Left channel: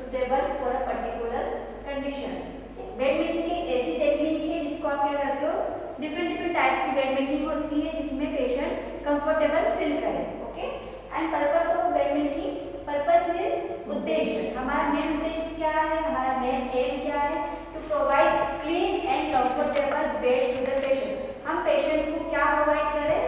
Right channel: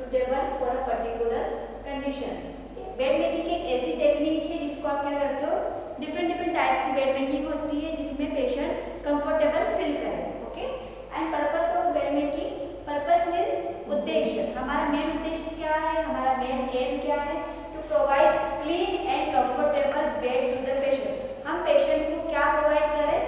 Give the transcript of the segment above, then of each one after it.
Suitable for a particular condition. Bed making एक ऐसी technique है जिसको आप क्या करते हो, डिफरेंट टाइप्स की बेड मेकिंग होती है जिसमें पेशेंट कंफर्टेबल फील करे। Okay, and purpose of bed making, purpose means उद्देश्य, हमारा मेन उद्देश्य क्या है, हमारा मेन एम क्या है, to provide clean and comfortable bed to the patient. हम पेशेंट को क्या प्रोवाइड करें,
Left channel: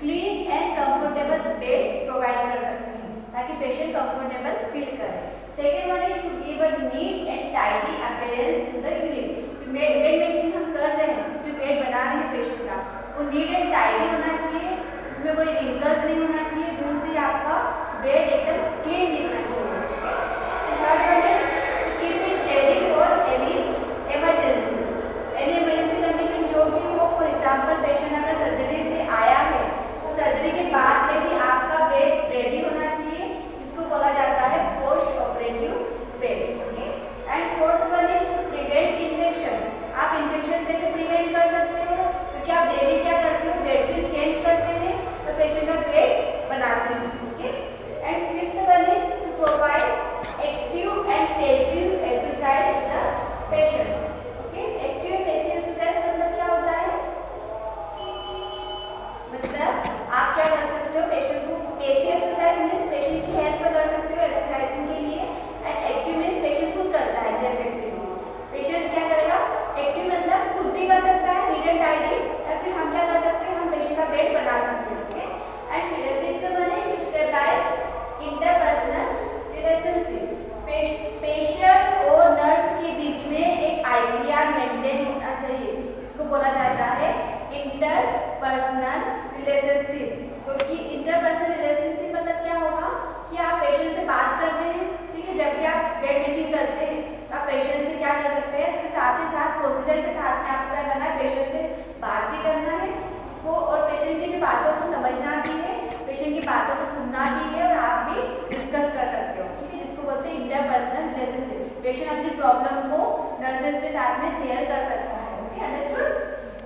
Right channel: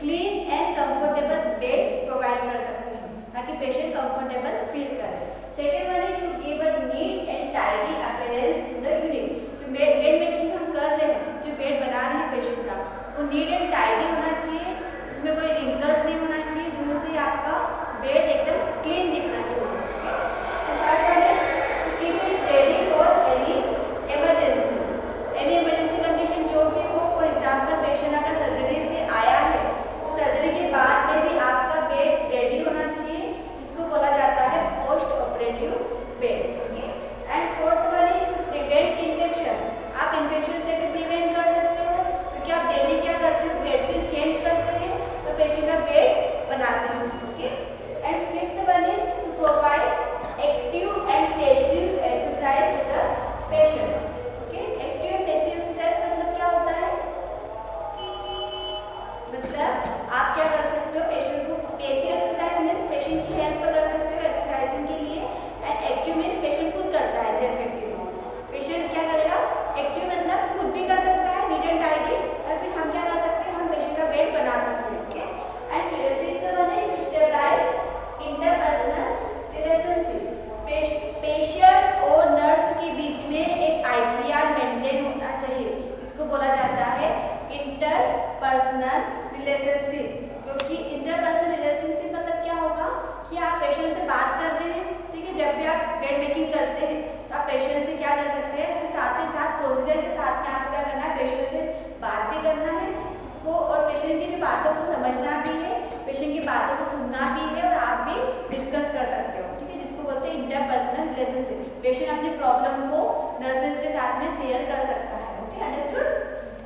clean and comfortable bed provide कर सकते हैं ताकि पेशेंट कंफर्टेबल फील करे। Second one is to give a neat and tidy appearance to the unit. जो बेड मेकिंग हम कर रहे हैं, जो बेड बना रहे हैं पेशेंट का, वो नीट एंड टाइडी होना चाहिए, उसमें कोई रिंकल्स नहीं होना चाहिए, दूर से आपका बेड एकदम क्लीन दिखना चाहिए। Third one is to keep it ready for any emergency. Any emergency condition जो भी हो, फॉर एग्जाम्पल पेशेंट अगर सर्जरी से आया है तो सर्जरी के बाद में भी आपका बेड रेडी होना चाहिए, जिसको बोला जाता है post operative bed. And fourth one is to prevent infection. आप इन्फेक्शन से भी प्रिवेंट कर सकते हो क्योंकि आप डेली क्या करते हो, बेडशीट चेंज करते हैं तो पेशेंट का बेड बनाते हो। Okay, and fifth one is to provide active and passive exercise to the patient. Okay, active and passive exercise मतलब क्या होता है, मतलब आप क्या कर सकते हो, पेशेंट को पैसिव एक्सरसाइज मीन्स पेशेंट की हेल्प कर सकते हो एक्सरसाइजिंग के लिए, एंड एक्टिव मीन्स पेशेंट खुद करता है सेल्फ एक्टिव। पेशेंट क्या करेगा, एक्टिव मतलब खुद भी कर सकता है नीट एंड टाइडी, या फिर हम क्या कर सकते हैं, हम पेशेंट का बेड बना सकते हैं। ओके, एंड फिर sixth one is to stabilise interpersonal relationship. Patient और नर्स के बीच में एक आईपीआर मेंटेन होना चाहिए, इसको बोला जाता है इंटरपर्सनल रिलेशनशिप। क्योंकि इंटरपर्सनल रिलेशनशिप मतलब क्या होगा कि आप पेशेंट से बात कर रहे हैं, ठीक है, जब भी आप बेड मेकिंग करते हैं तो आप पेशेंट से क्या कर सकते हैं, उसके साथ ही साथ प्रोसीजर के साथ में आपको क्या करना है, पेशेंट से बात भी करना है उसको, और पेशेंट की जो बातों को समझना भी है, पेशेंट की बातों को सुनना भी है, और आप भी डिस्कस कर सकते हो। ठीक है, जिसको बोलते हैं इंटरपर्सनल रिलेशनशिप। पेशेंट अपनी प्रॉब्लम को नर्सेज के साथ में शेयर कर सकता है। Okay, understood.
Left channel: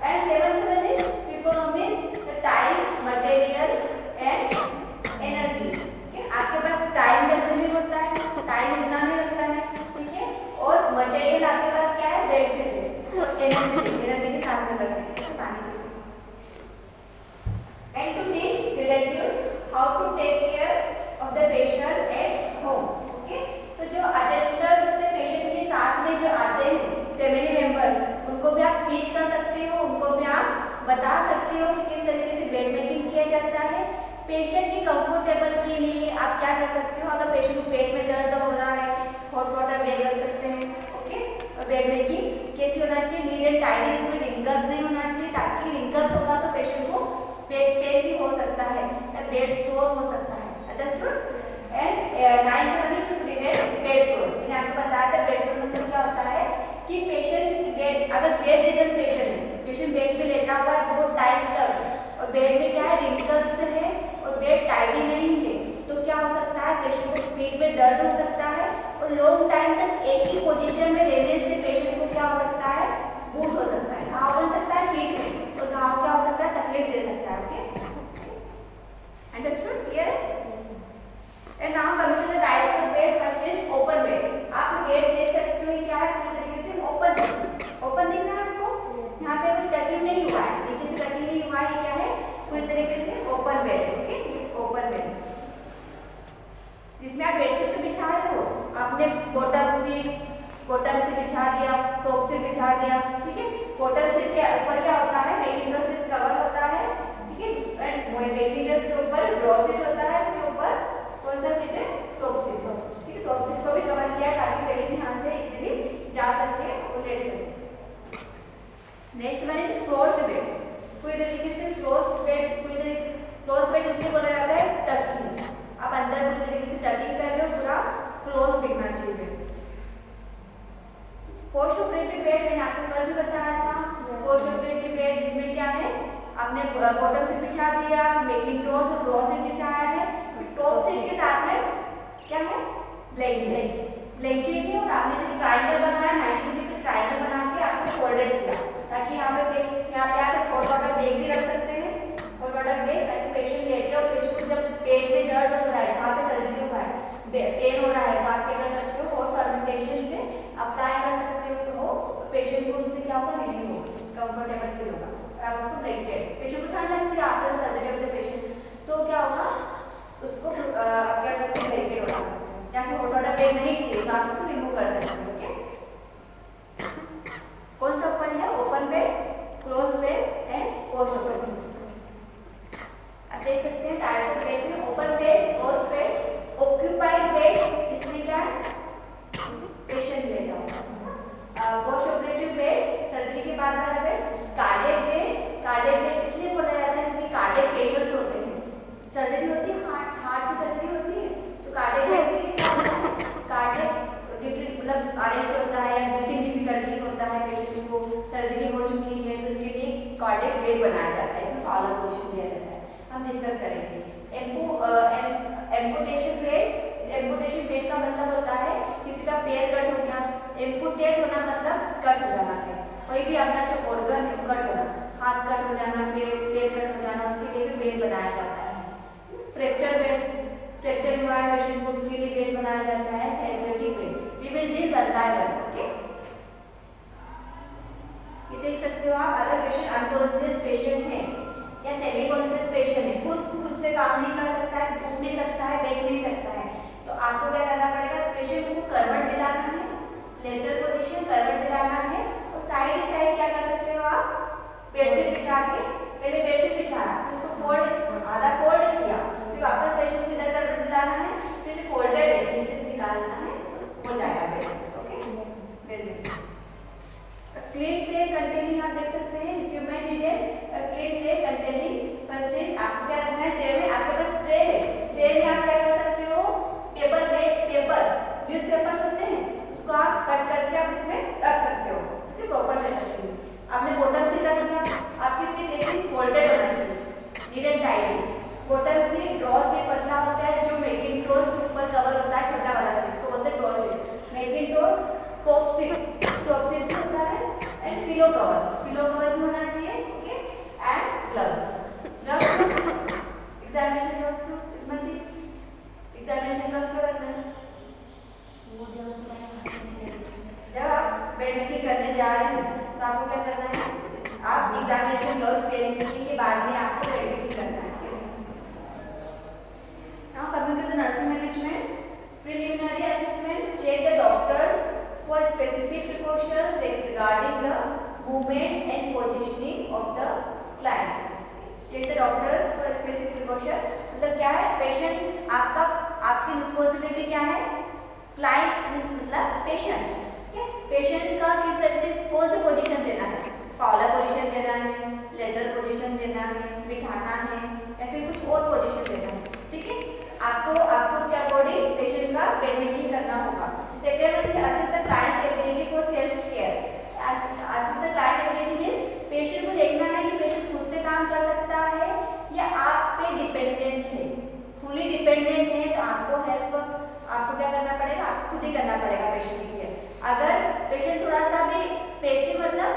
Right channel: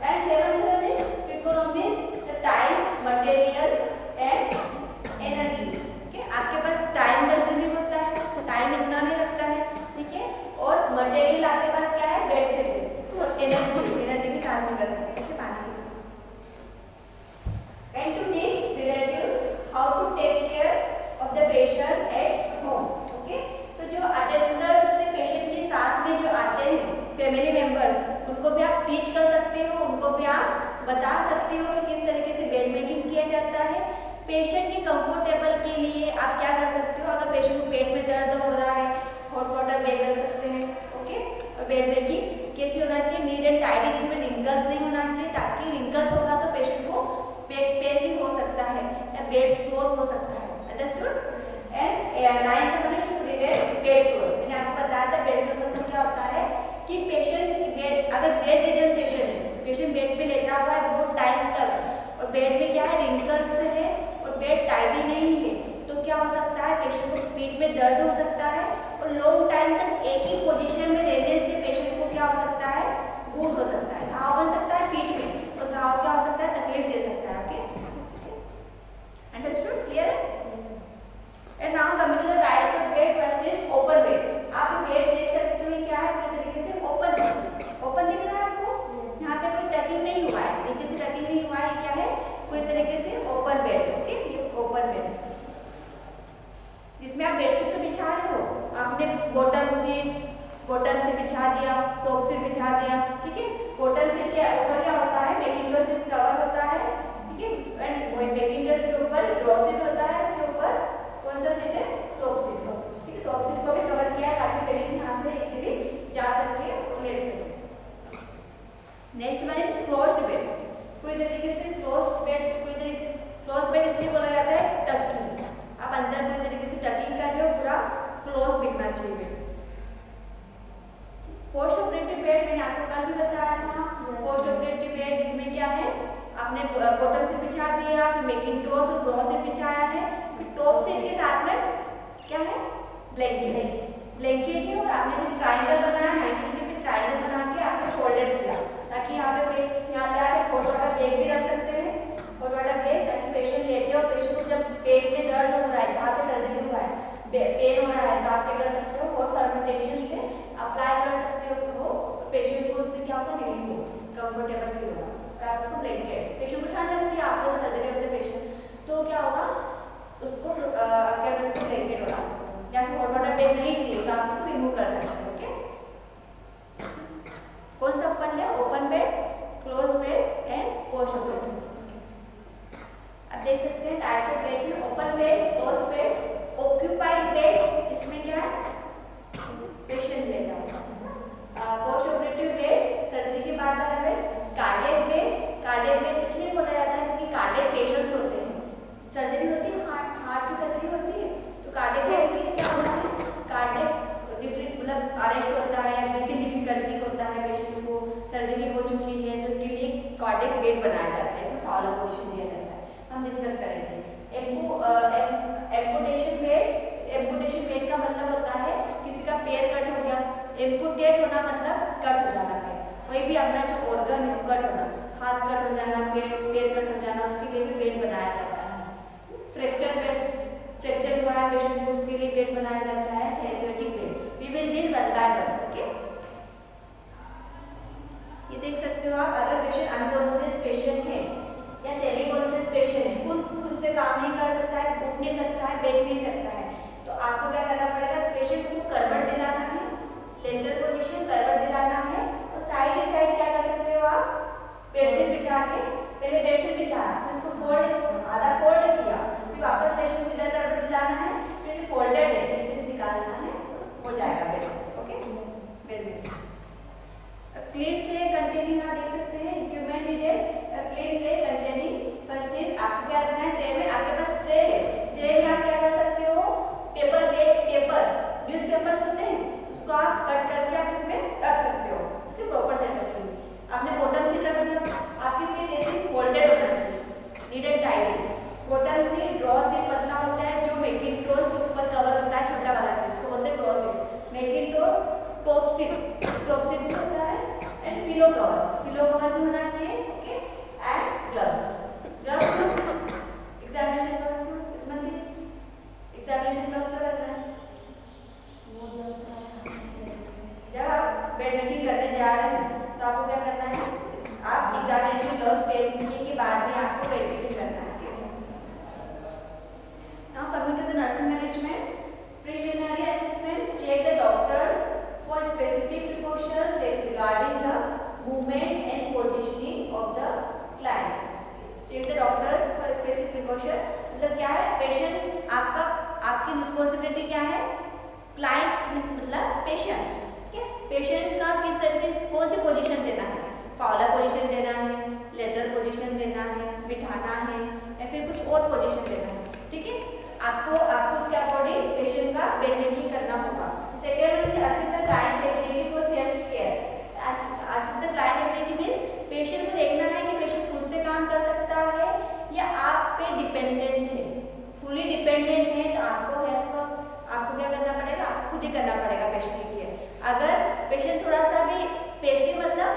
And seventh one is to economise the time, material and energy. आपके पास टाइम कंज्यूमिंग होता है, टाइम इतना नहीं लगता है, ठीक है, और मटेरियल आपके पास क्या है, बेड से है, तो एनर्जी के साथ में कर सकते हैं। पानी and to teach relatives how to take care of the patient at home. Okay, तो जो अटेंडर्स होते हैं पेशेंट के साथ में जो आते हैं, फैमिली मेंबर्स, उनको भी आप टीच कर सकते हो, उनको भी आप बता सकते हो कि किस तरीके से बेड मेकिंग किया जाता है। पेशेंट के कंफर्टेबल के लिए आप क्या कर सकते हो, अगर पेशेंट को पेट में दर्द हो रहा है, हॉट वाटर बैग रख सकते हैं। ओके, और बेड मेकिंग कैसी होना चाहिए, नीट एंड टाइडी, जिसमें रिंकल्स नहीं होना चाहिए, ताकि रिंकल्स होगा तो पेशेंट को बैक पेन भी हो सकता है या बेड सोर हो सकता है। Understood. And ninth one is to prevent bed sore. मैंने आपको बताया था बेड सोर मतलब क्या होता है कि पेशेंट बेड, अगर बेड रिडन पेशेंट है, पेशेंट बेड पे लेटा हुआ है बहुत टाइम तक, और बेड में क्या है, रिंकल्स है और बेड टाइडी नहीं है, तो क्या हो सकता है, पेशेंट को पीठ में दर्द हो सकता है, और लॉन्ग टाइम तक एक ही पोजीशन में रहने से पेशेंट को क्या हो सकता है, वुंड हो सकता है, घाव बन सकता है पीठ में, और घाव क्या हो सकता है, तकलीफ दे सकता है। Okay, understood, clear. And now coming to the types of bed, first is open bed. आप बेड देख सकते हो क्या है, पूरी तरीके से ओपन बेड, ओपन दिख रहा है आपको, यहाँ पे कोई टकिंग नहीं हुआ है, नीचे से टकिंग नहीं हुआ है, ये क्या है, पूरी तरीके से ओपन बेड। ओके, ये ओपन बेड, जिसमें आप बेडशीट तो बिछा रहे हो, आपने बॉटम सीट बिछा दिया, टॉप सीट बिछा दिया, ठीक है। बॉटम सीट के ऊपर क्या होता है, बेकिंग का सीट कवर होता है, ठीक है, एंड वही बेकिंग का सीट ऊपर ड्रॉ सीट होता है, उसके ऊपर कौन सा सीट है, टॉप सीट, ठीक है। टॉप सीट को भी कवर किया ताकि पेशेंट यहाँ से इजीली जा सके और लेट सके। Next one is frost bed. पूरी तरीके से फ्रोस्ट बेड, पूरी तरीके फ्रोस्ट बेड इसलिए बोला जाता है टकिंग, आप अंदर पूरी तरीके से टकिंग कर रहे हो, पूरा क्लोज दिखना चाहिए। पोस्ट ऑपरेटिव बेड मैंने आपको कल भी बताया था, पोस्ट ऑपरेटिव बेड जिसमें क्या है, आपने बॉटम सीट बिछा दिया, मेकिंग टॉस और ड्रॉ सीट बिछाया है, फिर टॉप सीट के साथ में क्या है, ब्लैंकेट है, और आपने सिर्फ ट्रायंगल बनाया, 90 डिग्री पे ट्रायंगल बना के आपने फोल्डेड किया, ताकि यहाँ पे आप हॉट वाटर बैग भी रख सकते हैं, हॉट वाटर बैग, ताकि पेशेंट लेटे और पेशेंट को जब पेट में दर्द हो रहा है, जहाँ पे सर्जरी हुआ है, पेन हो रहा है, तो आप क्या कर सकते हो, हॉट फर्मेंटेशन से अप्लाई कर सकते हो, पेशेंट को उससे क्या होगा, रिलीफ होगा, कंफर्टेबल फील होगा। और आप उसको ब्लैंकेट, पेशेंट को ठंड लगती है after surgery of the patient, तो क्या होगा, उसको आपके उसको ब्लैंकेट उड़ा सकते हो, या फिर हॉट वाटर बेड नहीं चाहिए तो आप उसको रिमूव कर सकते हो। ओके, कौन सा ओपन है, open bed, close bed and post operative. आप देख सकते हैं टाइप्स ऑफ बेड में open bed, close bed, occupied bed, इसमें क्या है, पेशेंट लेता है, पोस्ट ऑपरेटिव बेड, सर्जरी के बाद वाला bed, cardiac bed, cardiac bed इसलिए बोला जाता है क्योंकि कार्डियक पेशेंट्स होते हैं, सर्जरी होती है, हार्ट की सर्जरी होती है, तो कार्डियक बेड में क्या होता है, कार्डियक डिफरेंट मतलब अरेस्ट होता है या ब्रीथिंग डिफिकल्टी होता है, पेशेंट को सर्जरी हो चुकी है तो उसके लिए कार्डियक बेड बनाया जाता है, इसमें फाउलर पोजीशन दिया जाता है, हम डिस्कस करेंगे। एम्पुटेशन बेड, एम्पुटेशन बेड का मतलब होता है किसी का पैर कट हो गया, एम्पुटेट होना मतलब कट हो जाना है, कोई भी अपना जो ऑर्गन है कट होना, हाथ कट हो जाना, पैर कट हो जाना, उसके लिए भी बेड बनाया जाता है। फ्रैक्चर बेड, फ्रैक्चर हुआ है पेशेंट को उसके लिए बेड बनाया जाता है, therapeutic bed, we will deal one by one. Okay, ये देख सकते हो आप, अगर पेशेंट अनकॉन्शियस पेशेंट है या सेमी कॉन्शियस पेशेंट है, खुद से काम नहीं कर सकता है, उठ नहीं सकता है, बैठ नहीं सकता है, तो आपको क्या करना पड़ेगा, पेशेंट को करवट दिलाना है, लेटरल पोजीशन करवट दिलाना है, और साइड ही साइड क्या कर सकते हो आप, बेडशीट बिछा के, पहले बेडशीट बिछाना, उसको फोल्ड, आधा फोल्ड किया, फिर वापस पेशेंट को इधर करवट दिलाना है, फिर फोल्डेड है नीचे से निकालना है, हो जाएगा bedsheet. Okay, bed clean tray containing, आप देख सकते हैं equipment needed, clean tray containing, first is आपको क्या रखना है, ट्रे में आपके पास ट्रे है, ट्रे में आप क्या कर सकते हो, पेपर न्यूज़पेपर्स होते हैं उसको आप कट करके आप इसमें रख सकते हो, ठीक, प्रॉपर सेट करके। आपने बॉटम सीट रख दिया, आपकी सीट ऐसे फोल्डेड होना चाहिए, neat and tight, bottom seat, draw seat पतला होता है, जो मैकिंटोश के ऊपर कवर होता है, छोटा वाला सीट उसको बोलते हैं draw seat, Macintosh, top seat भी होता है, एंड पिलो कवर भी होना चाहिए। Okay, and gloves, examination gloves को इसमें एग्जामिनेशन ग्लव्स को रखना है, जब आप बेड मेकिंग करने जा रहे हैं तो आपको क्या करना है, आप एग्जामिनेशन ग्लव्स पहनने के बाद में आपको बेड मेकिंग करना है। Now coming to the nursing management, preliminary assessment, check the doctors for specific precautions regarding the movement and positioning of the client, check the doctors for specific precaution, मतलब क्या है, पेशेंट आपकी responsibility क्या है, client मतलब patient, ठीक है, patient का किस तरीके कौन सी पोजीशन देना है, फाउलर पोजीशन देना है, लेटरल पोजीशन देना है, बिठाना है, या फिर कुछ और पोजीशन देना है, ठीक है, आपको उसके अकॉर्डिंग पेशेंट का बेड मेकिंग करना होगा। Second is assist the clients ability for self care, assist the client ability means patient को देखना है कि पेशेंट खुद से काम कर सकता है या आप पे डिपेंडेंट है, फुली डिपेंडेंट है तो आपको क्या करना पड़ेगा, आपको खुद ही करना पड़ेगा पेशेंट के लिए। अगर पेशेंट थोड़ा सा भी पैसिव मतलब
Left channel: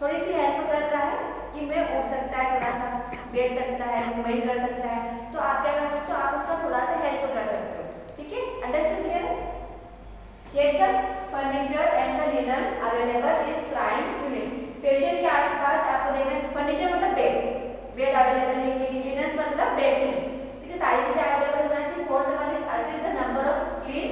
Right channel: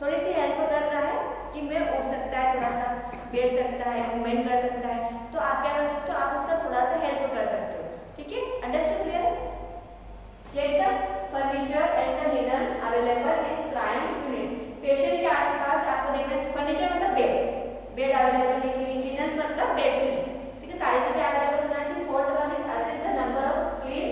थोड़ी सी हेल्प कर रहा है कि मैं उठ सकता है, थोड़ा सा बैठ सकता है, मूवमेंट कर सकता है, तो आप क्या कर सकते हो, आप उसका थोड़ा सा हेल्प कर सकते हो, ठीक है, understood clear. Check the furniture and the linen available in client unit, patient के आसपास आपको देखना है, फर्नीचर मतलब बेड अवेलेबल है कि नहीं, लिनन मतलब बेडशीट्स, ठीक है, सारी चीजें अवेलेबल होना चाहिए। Fourth one is assist the number of clean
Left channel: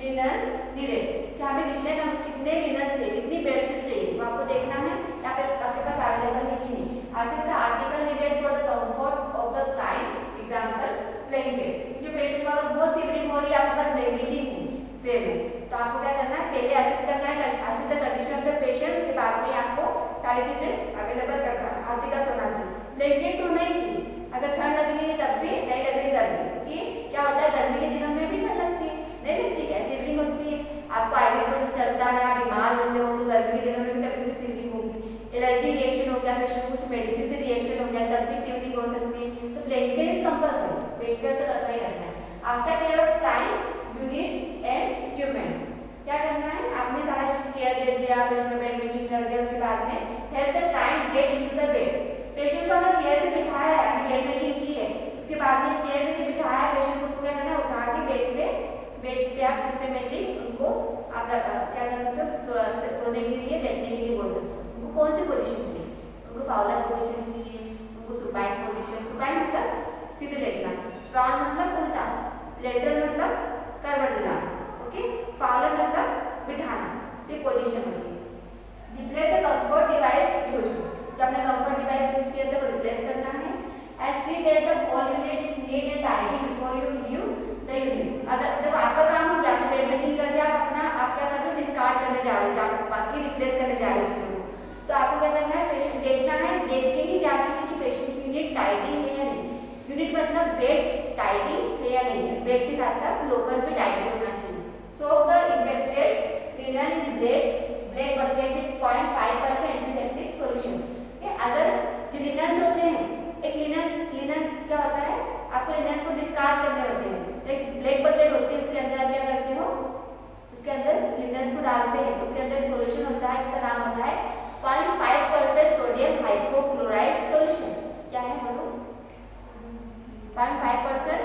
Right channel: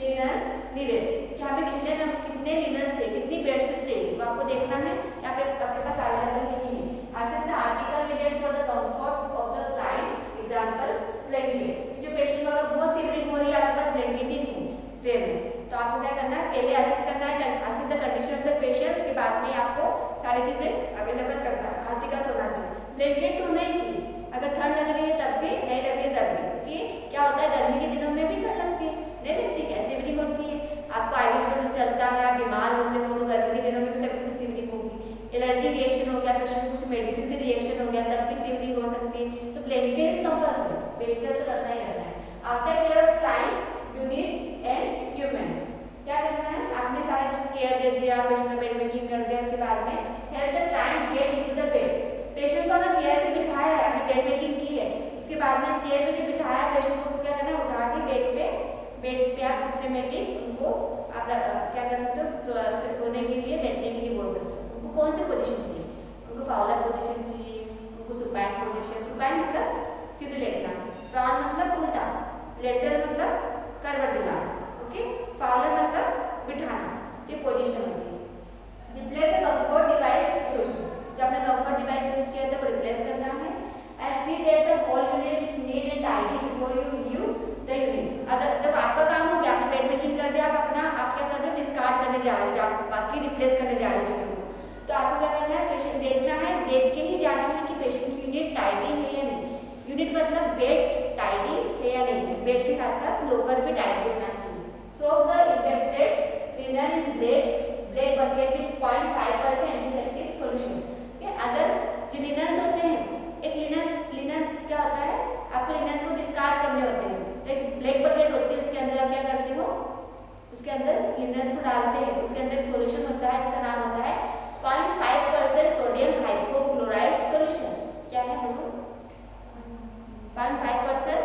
linens needed, कि हमें कितने लिनन्स चाहिए, कितनी बेडशीट चाहिए, तो आपको देखना है यहाँ पे आपके पास अवेलेबल है कि नहीं। Assist the article needed for the comfort of the client, example blanket, जो पेशेंट को अगर बहुत सीवरिंग हो रही है, आपके पास ब्लैंकेट ही नहीं ट्रे में, तो आपको क्या करना है, पहले असिस्ट करना है, assist the condition of the patient, उसके बाद में आपको सारी चीजें अवेलेबल करना है, आर्टिकल्स होना चाहिए, ब्लैंकेट तो होना ही चाहिए, अगर ठंड लग रही है तब भी, नहीं लग रही तब भी, क्योंकि क्या होता है गर्मी के दिनों में भी ठंड लगती है, नहीं लगती क्या, सीवरिंग होती है, आपको आईवी फ्लूइड चलता है, आप बीमार होते हो तो गर्मी के दिनों में भी कभी सीवरिंग होगी, एलर्जी रिएक्शन हो गया, पेशेंट कुछ मेडिसिन से रिएक्शन हो गया तब भी सीवरिंग हो सकती है, तो ब्लैंकेट इज कंपल्सरी, ब्लैंकेट तो करना ही रहता है। After care of client unit and equipment, क्या करना है, आपने सारा चीज केयर दे दिया, पेशेंट में बेड मेकिंग कर दिया, उसके बाद में help the client get into the bed, patient को अगर चेयर पे बिठाया है, आपने बेड मेकिंग की है, उसके बाद में चेयर पे जो बिठाया है पेशेंट को, क्या करना है, उठा के बेड पे आप सिस्टमेटिक उनको आप क्या कर सकते हो, सोने के लिए लेटने के लिए बोल सकते हो। उनको कौन सी पोजीशन चाहिए, उनको फाउलर पोजीशन चाहिए, उनको सुपाइन पोजीशन, सुपाइन मतलब सीधे लेटना, प्रॉन मतलब उल्टा, लेटरल मतलब करवट दिलाना, ओके। फाउलर मतलब बिठाना, ये पोजीशन होती है। Replace the comfort device used, जो आपने कंफर्ट डिवाइस यूज किया था वो रिप्लेस करना है। And see that the whole unit is neat and tidy before you leave the unit. अगर जब आपका काम हो गया, आपने बेड मेकिंग कर दिया, आप क्या कर रहे हो, डिस्कार्ड करने जा रहे हो, आप बाकी रिप्लेस करने जा रहे हो चीजों को, तो आपको क्या करना है, पेशेंट देखना है, देख के ही जाना है कि पेशेंट यूनिट टाइडी है या नहीं। यूनिट मतलब बेड टाइडी है या नहीं है, बेड के साथ साथ लोकल भी टाइडी होना चाहिए। So the infected linen in black bucket with 0.5% antiseptic solution. अगर जो लिनन्स होते हैं, एक लिनन क्या होता है, आपको लिनन्स को डिस्कार्ड करने होते हैं, एक ब्लैक बकेट होती है, उसके अंदर आप क्या करते हो, उसके अंदर लिनन्स को डालते हैं, उसके अंदर एक सॉल्यूशन होता है, इसका नाम होता है 0.5% सोडियम हाइपोक्लोराइड सॉल्यूशन। क्या है बोलो, 0.5%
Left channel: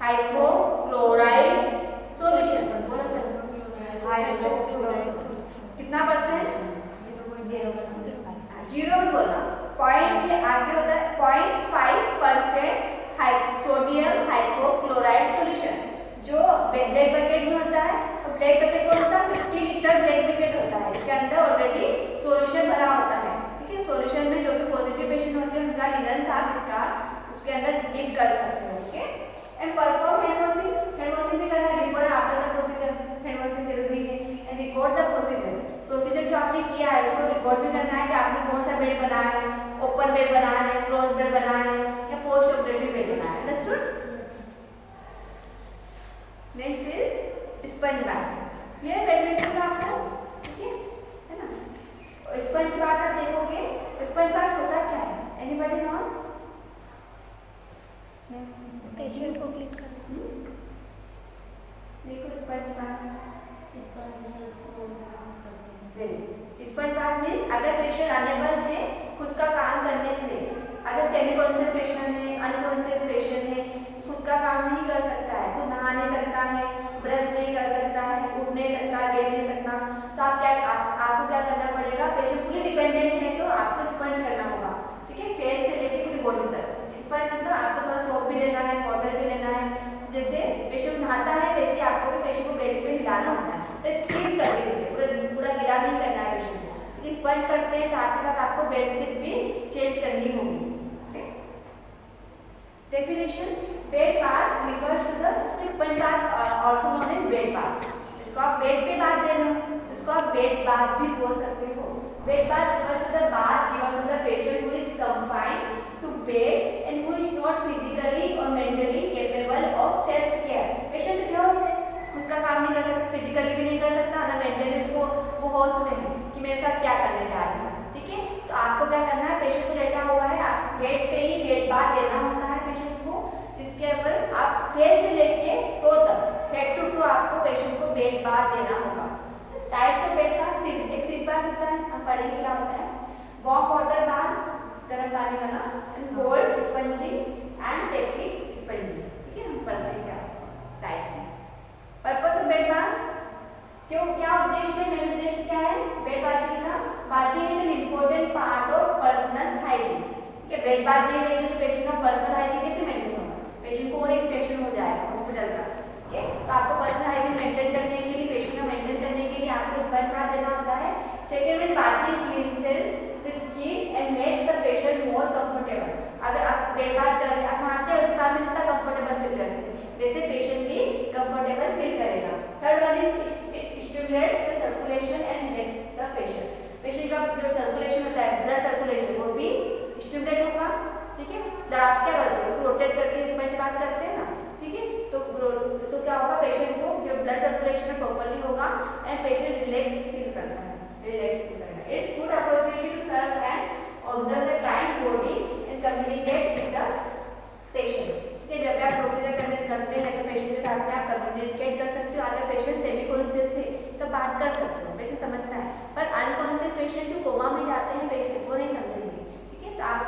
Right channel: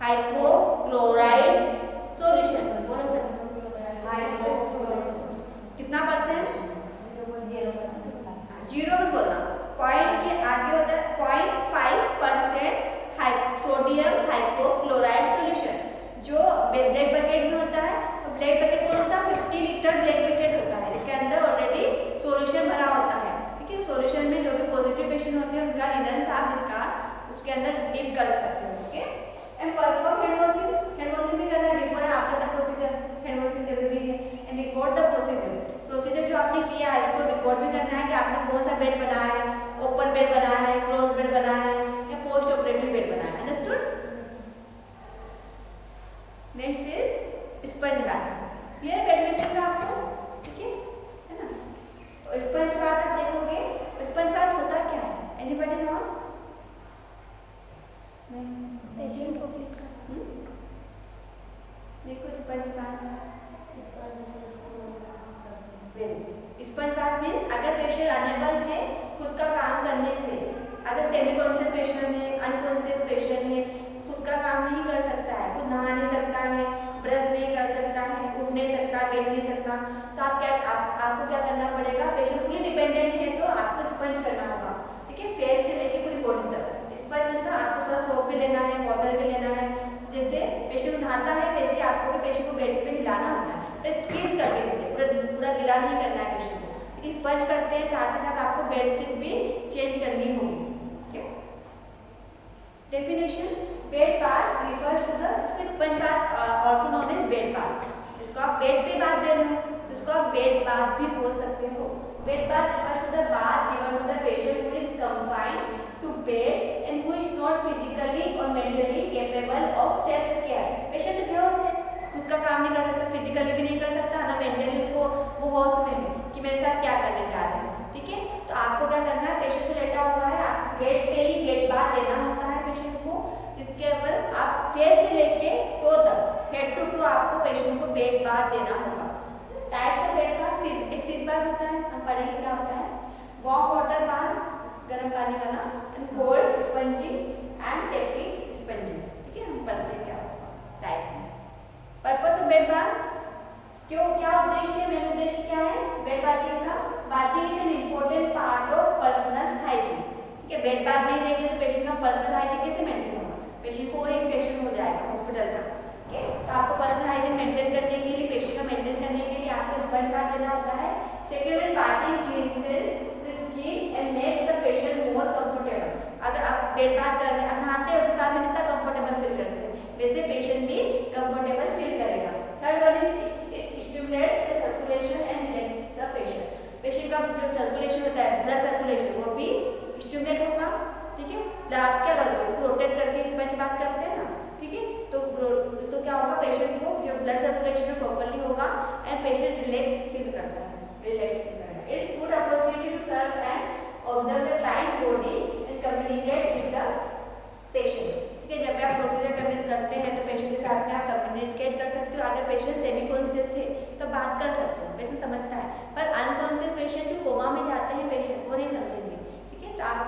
हाइपोक्लोराइड सॉल्यूशन। बोलो सर, कितना परसेंट, 0 बोला, पॉइंट के आगे होता है 0.5% सोडियम हाइपोक्लोराइड सॉल्यूशन, जो ब्लैक बकेट में होता है। तो ब्लैक बकेट कौन सा, 50 लीटर ब्लैक बकेट होता है, इसके अंदर ऑलरेडी सॉल्यूशन भरा होता है, ठीक है। सॉल्यूशन में जो भी पॉजिटिव पेशेंट होते हैं उनका लिनन्स आप डिस्कार्ड उसके अंदर डिप कर सकते हो, okay. And perform hand washing, hand washing भी करना है before and after the procedure, hand washing जरूरी है। एंड रिकॉर्ड द प्रोसीजर जो आपने किया है उसको रिकॉर्ड भी करना है कि आपने कौन सा बेड बनाया है, ओपन बेड बनाया है, क्लोज बेड बनाया है या पोस्ट ऑपरेटिव बेड बनाया है, understood. Next is sponge bath, ये बेड मेकिंग आपको, ठीक है ना। स्पंज बाथ आप देखोगे, स्पंज बाथ होता क्या है, एनीबॉडी नोस, पेशेंट को क्लिक कर देखो sponge bath, sponge bath means अगर पेशेंट अनेबल है खुद का काम करने से, अगर सेमी कॉन्सेंट्रेशन है, अनकॉन्सेंट्रेशन है, खुद का काम नहीं कर सकता है, खुद नहा नहीं सकता है, ब्रश नहीं कर सकता है, उठ नहीं सकता, बैठ नहीं सकता, तो आपको क्या करना पड़ेगा, पेशेंट फुली डिपेंडेंट है तो आपको स्पंज करना होगा, ठीक है, फेस से लेके पूरी बॉडी तक। स्पंज मतलब आपको थोड़ा सोप भी लेना है, वाटर भी लेना है, जैसे पेशेंट नहाता है वैसे आपको भी पेशेंट को बेड पे हिलाना होता है, स्क्वीज करके पूरा गिला नहीं करना है पेशेंट को, लेकिन स्पंज करते हैं साथ के साथ आपको बेडशीट भी चेंज करनी होगी। Definition, bed bath refers to the, sponge bath also known as bed bath, इसको आप बेड पे बाथ दे रहे हो, इसको आप बेड बाथ भी बोल सकते हो। Bed bath refers to the bath given to the patient who is confined to bed and who is not physically or mentally capable of self care। Patient बेहोश है, खुद का काम नहीं कर सकता, फिजिकली भी नहीं कर सकता ना मेंटली, उसको वो होश में है कि मेरे साथ क्या करने जा रहे हैं, ठीक है। तो आपको क्या करना है, पेशेंट को लेटा हुआ है, आप बेड पे ही बेड बाथ देना होता है पेशेंट को। इसके ऊपर आप फेस से लेके टो तक, हेड टू टू आपको पेशेंट को बेड बाथ देना होगा। टाइप्स ऑफ बेड बाथ, एक सीज बाथ होता है, हम पढ़ेंगे क्या होता है, वार्म वाटर बाथ गर्म पानी वाला, and cold spongin and technique spongin, ठीक है, हम पढ़ते हैं क्या टाइप्स में। पर्पस ऑफ बेड बाथ, क्यों, क्या उद्देश्य है, मेन उद्देश्य क्या है बेड बाथिंग का, bathing is an important part of personal hygiene, ठीक है। बेड बाथ नहीं देंगे तो पेशेंट का पर्सनल हाइजीन कैसे मेंटेन होगा, पेशेंट को और इन्फेक्शन हो जाएगा हॉस्पिटल का, ठीक है। तो आपको पर्सनल हाइजीन मेंटेन करने के लिए, पेशेंट का मेंटेन करने के लिए आपको स्पंज बाथ देना होता है। Second is bathing cleanses the skin and makes the patient more comfortable. अगर आप बेड बाथ कर रहे हैं, नहाते हैं, उसके बाद में कितना कंफर्टेबल फील करते हैं, वैसे पेशेंट भी कंफर्टेबल फील करेगा। Third one is stimulates the circulation and relax the patient. Patient का जो सर्कुलेशन होता है, ब्लड सर्कुलेशन, वो भी स्टिमुलेट होगा, ठीक है। आप क्या करते हो, उसको रोटेट करके स्पंज बाथ करते हैं ना, ठीक है, तो क्या होगा, पेशेंट को जो ब्लड सर्कुलेशन प्रॉपर्ली होगा एंड पेशेंट रिलैक्स फील करता है, रिलैक्स फील करेगा। It's good opportunity to serve and observe the client body and communicate with the patient, ठीक है। जब आप प्रोसीजर करते हैं तो पेशेंट के साथ में आप कम्युनिकेट कर सकते हो। अगर पेशेंट सेमी कॉन्शियस है तो बात कर सकते हो, पेशेंट समझता है, पर अनकॉन्शियस पेशेंट जो कोमा में जाते हैं पेशेंट, वो नहीं समझेंगे, ठीक है। तो आप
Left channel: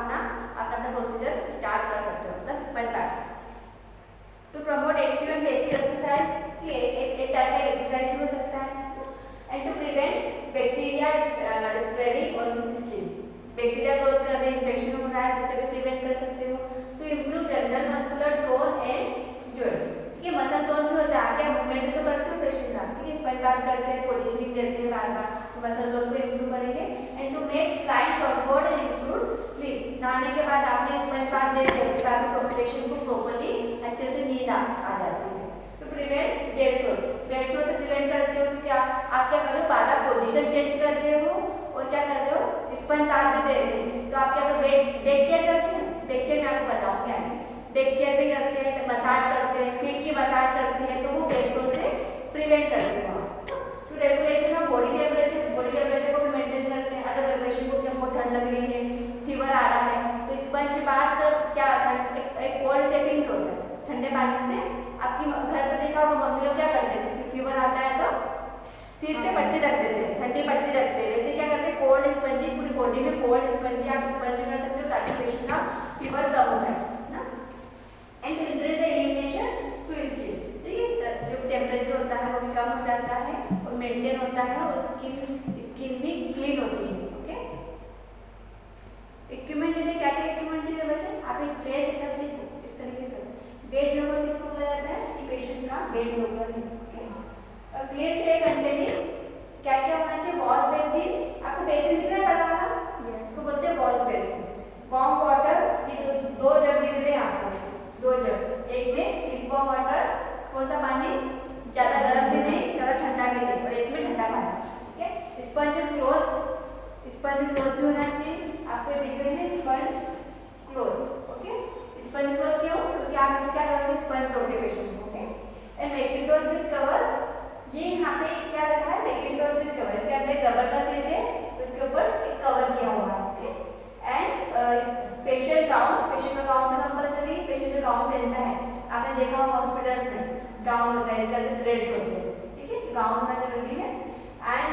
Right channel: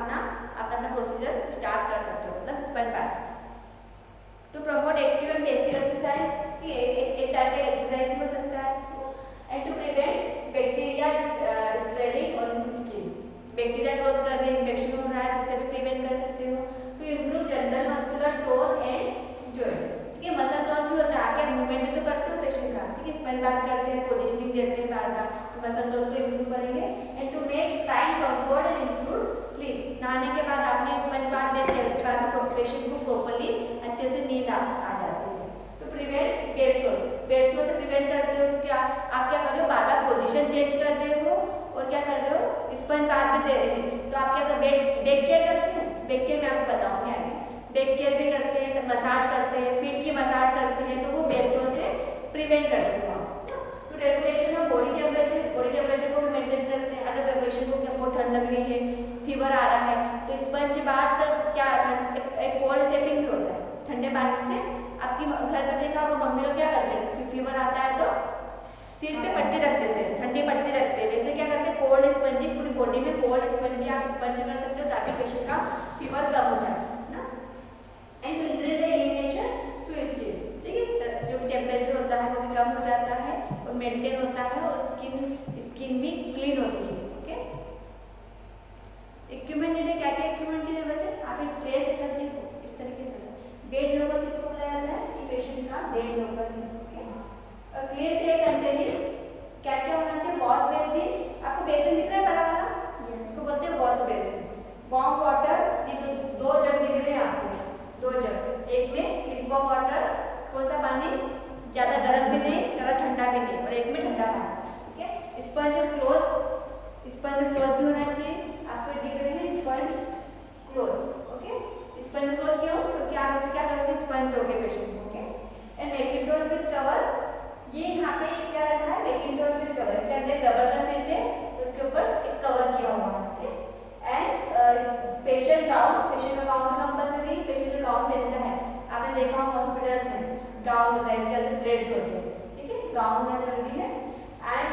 अपना प्रोसीजर स्टार्ट कर सकते हो, मतलब sponge bath. To promote active and passive exercise, जाए जिससे भी प्रिवेंट कर सकते हो। To improve general muscular tone and joints, ठीक है। मसल टोन भी होता है, क्या मूवमेंट भी तो करते हो पेशेंट का, ठीक है। स्पाइन बात करते हैं, पोजिशनिंग देते हैं बार बार, तो मसल टोन को इम्प्रूव करेंगे। And to make client comfort and improve sleep, नहाने के बाद आपने स्पाइन बात देते हैं, उसके बाद में पेशेंट को प्रॉपर्ली अच्छे से नींद आ जाती है। To prevent bed sore, bed sore से प्रिवेंट करते हो तो क्या आप क्या कर रहे हो, बार बार पोजिशन चेंज कर रहे हो और क्या कर रहे हो, स्पंज बात भी दे रहे हो। तो आप क्या कर बैक केयर करते हैं, बैक केयर में आपको बताऊंगी आगे। बैक केयर भी करते हैं, जब मसाज करते हैं, पीठ की मसाज करते हैं, तो वो बेड सोर से प्रिवेंट करते हैं। तो regulation of body temperature, body temperature को भी मेंटेन करते हैं। अगर पेशेंट को क्या बहुत ठंड लग रही है, फीवर आ रहा है, तो स्पंज बात क्या एक कोल्ड टेपिंग भी होता है, ठंडे पानी से। आपकी घर पे देखा होगा मम्मी लोग क्या करते हैं, फीवर आता है तो सिर पे पट्टी रख देते हैं, ठंडी पट्टी रखते हैं। वैसे क्या करते हैं, कोल्ड स्पंजिंग, पूरी बॉडी में कोल्ड स्पंजिंग आप स्पंज कर सकते हो ताकि पेशेंट का फीवर कम हो जाए ना। And to increase the elimination through skin, ठीक है सर, जो भी टेम्परेचर होता है वो भी कम हो जाता है और मेंटेन होता है और स्किन भी क्लीन होती है। ओके, इक्विपमेंट ने क्या क्या इक्विपमेंट की जरूरत है, आप एक ट्रे सेटअप देखो इस तरीके से। बेड लोकर किसको बोला जाता है, कि पेशेंट का बेड लोकर है। क्लियर ट्रे कंटेनिंग क्या क्या होना चाहिए, वॉश बेसिन, आपको बेसिन दिख रहा है बड़ा वाला, इसको बोलते हैं वॉश बेसिन। वार्म वाटर, ये जो दो जग दिख रहे हैं आपको, दो जग, एक में लिक्विड वाटर, कौन सा पानी, ज्यादा गर्म भी नहीं ज्यादा ठंडा भी नहीं, और एक में ठंडा पानी, ठीक है। स्पंज क्लॉथ, स्पंज क्लॉथ भी होना चाहिए, आपको दिख रहे हैं sponge cloth. Okay, sponge cloth क्यों, क्योंकि आप इसे क्या करोगे, स्पंज दोगे पेशेंट को। Okay, and Macintosh with cover, ये यहाँ पे क्या रखा है, मैकिंटोश विद कवर, इसके अंदर रबर का सेट है, उसके ऊपर एक कवर किया हुआ है। Okay, and patient gown, patient का गाउन कंपल्सरी, पेशेंट जो गाउन पहनता है, आपने देखा होगा हॉस्पिटल्स में गाउन होता है, इसके अंदर थ्रेड्स होते हैं, ठीक है, गाउन होना जरूरी है। And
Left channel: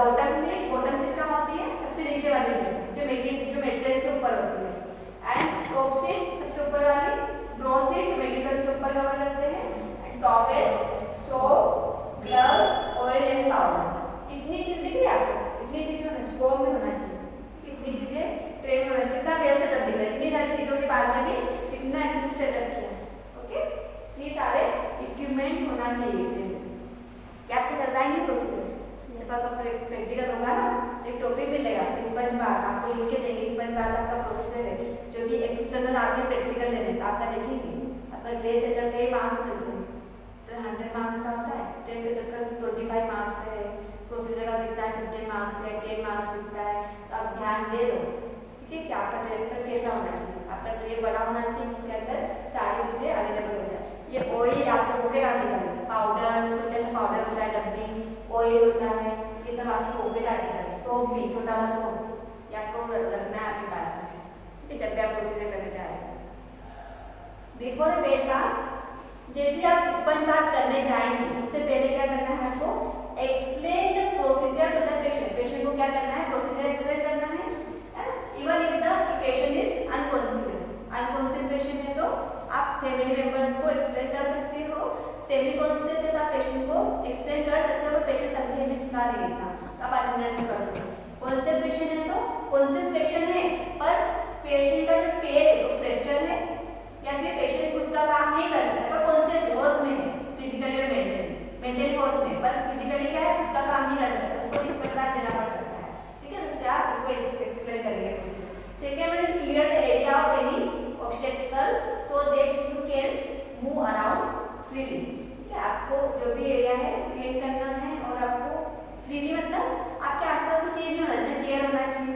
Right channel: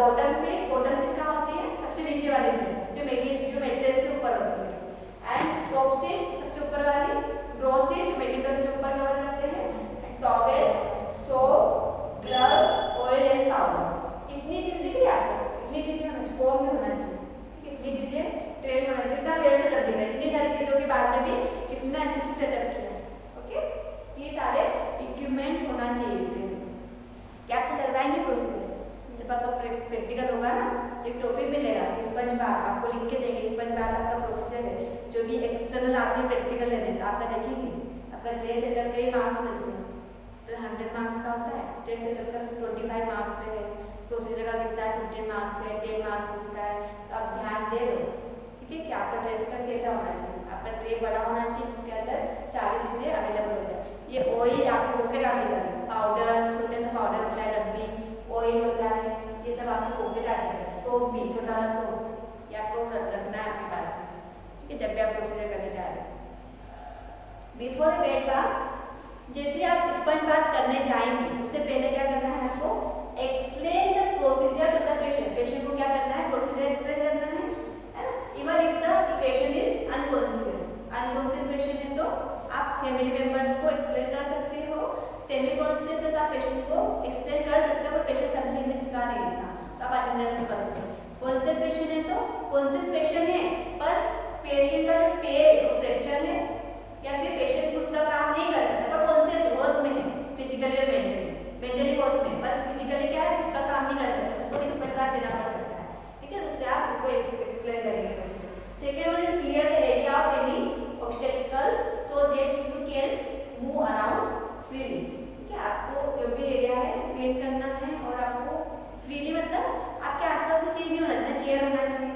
bottom seat, bottom seat कहाँ होती है, सबसे नीचे वाली सीट, जो मेट्रेस के ऊपर होती है। एंड टॉप सीट, सबसे ऊपर वाली, ब्रो सीट, जो मैकिंटोश के ऊपर कवर करते हैं। Towel, soap, gloves, oil and powder, इतनी चीज दिख रही है आपको, इतनी चीजें होना चाहिए, फॉर्म में होना चाहिए, इतनी चीजें ट्रे में होना चाहिए। कितना वेल सेटअप दिख रहा है, इतनी सारी चीजों के बाद में भी कितना अच्छे से सेटअप किया। ओके, ये सारे इक्विपमेंट होना चाहिए ट्रे में। क्या आपसे करवाएंगे प्रोसीजर, जब आपका प्रैक्टिकल होगा ना तो एक टॉपिक मिलेगा, स्पंज बाथ आपको लिख के देंगे, स्पंज बाथ आपका प्रोसीजर है। जो भी एक्सटर्नल आपने प्रैक्टिकल लेने तो आपका देखेंगे, आपका ट्रे सेटअप के मार्क्स मिलते हैं, 100 मार्क्स का होता है, ट्रे सेटअप का 25 मार्क्स है, प्रोसीजर का कितना है 15 मार्क्स है, 10 मार्क्स मिलता है। तो आप ध्यान दे दो, ठीक है, कि आपका ट्रे सेटअप कैसा होना चाहिए, आपका ट्रे बड़ा होना चाहिए जिसके अंदर सारी चीजें अवेलेबल हो जाए। ये ऑयल आपको पॉकेट आने वाली, पाउडर, छोटे से पाउडर होता है डब्बी, ऑयल होता है, ये सब आपको पॉकेट आने वाली, सोप भी, छोटा वाला सोप, ये आपको रखना है आपके पास में, ठीक है, जब भी आप प्रोसीजर करने जा रहे हैं। बिफोर बेड बाथ, जैसे आप स्पंज बाथ करने जाएंगे उससे पहले क्या करना है आपको, explain the procedure to the patient, patient को क्या करना है, प्रोसीजर एक्सप्लेन करना है ना। Even if the patient is unconscious, unconscious patient है तो आप फैमिली मेंबर्स को एक्सप्लेन कर सकते हो, सेमी कॉन्शियस है तो आप पेशेंट को एक्सप्लेन कर सकते हो, पेशेंट समझने का नहीं है तो आप अटेंडेंस भी कर सकते हो। कॉन्शियस पेशेंट है तो कॉन्शियस पेशेंट है पर पेशेंट का जो पैर है वो फ्रैक्चर है या फिर पेशेंट खुद का काम नहीं कर सकता पर कॉन्शियस होश में है, फिजिकली और मेंटली होश में, पर फिजिकली क्या है, खुद का काम नहीं कर सकता, उसको स्पंज बाथ देना पड़ सकता है, ठीक है। उससे आप उसको एक्सप्लेन करेंगे। Second one is clear the area of any obstacles so that you can move around freely, ठीक है, आपको जो भी एरिया है क्लीन करना है और आपको फ्रीली मतलब आपके आसपास कोई चीज नहीं होना चाहिए, चेयर होना चाहिए,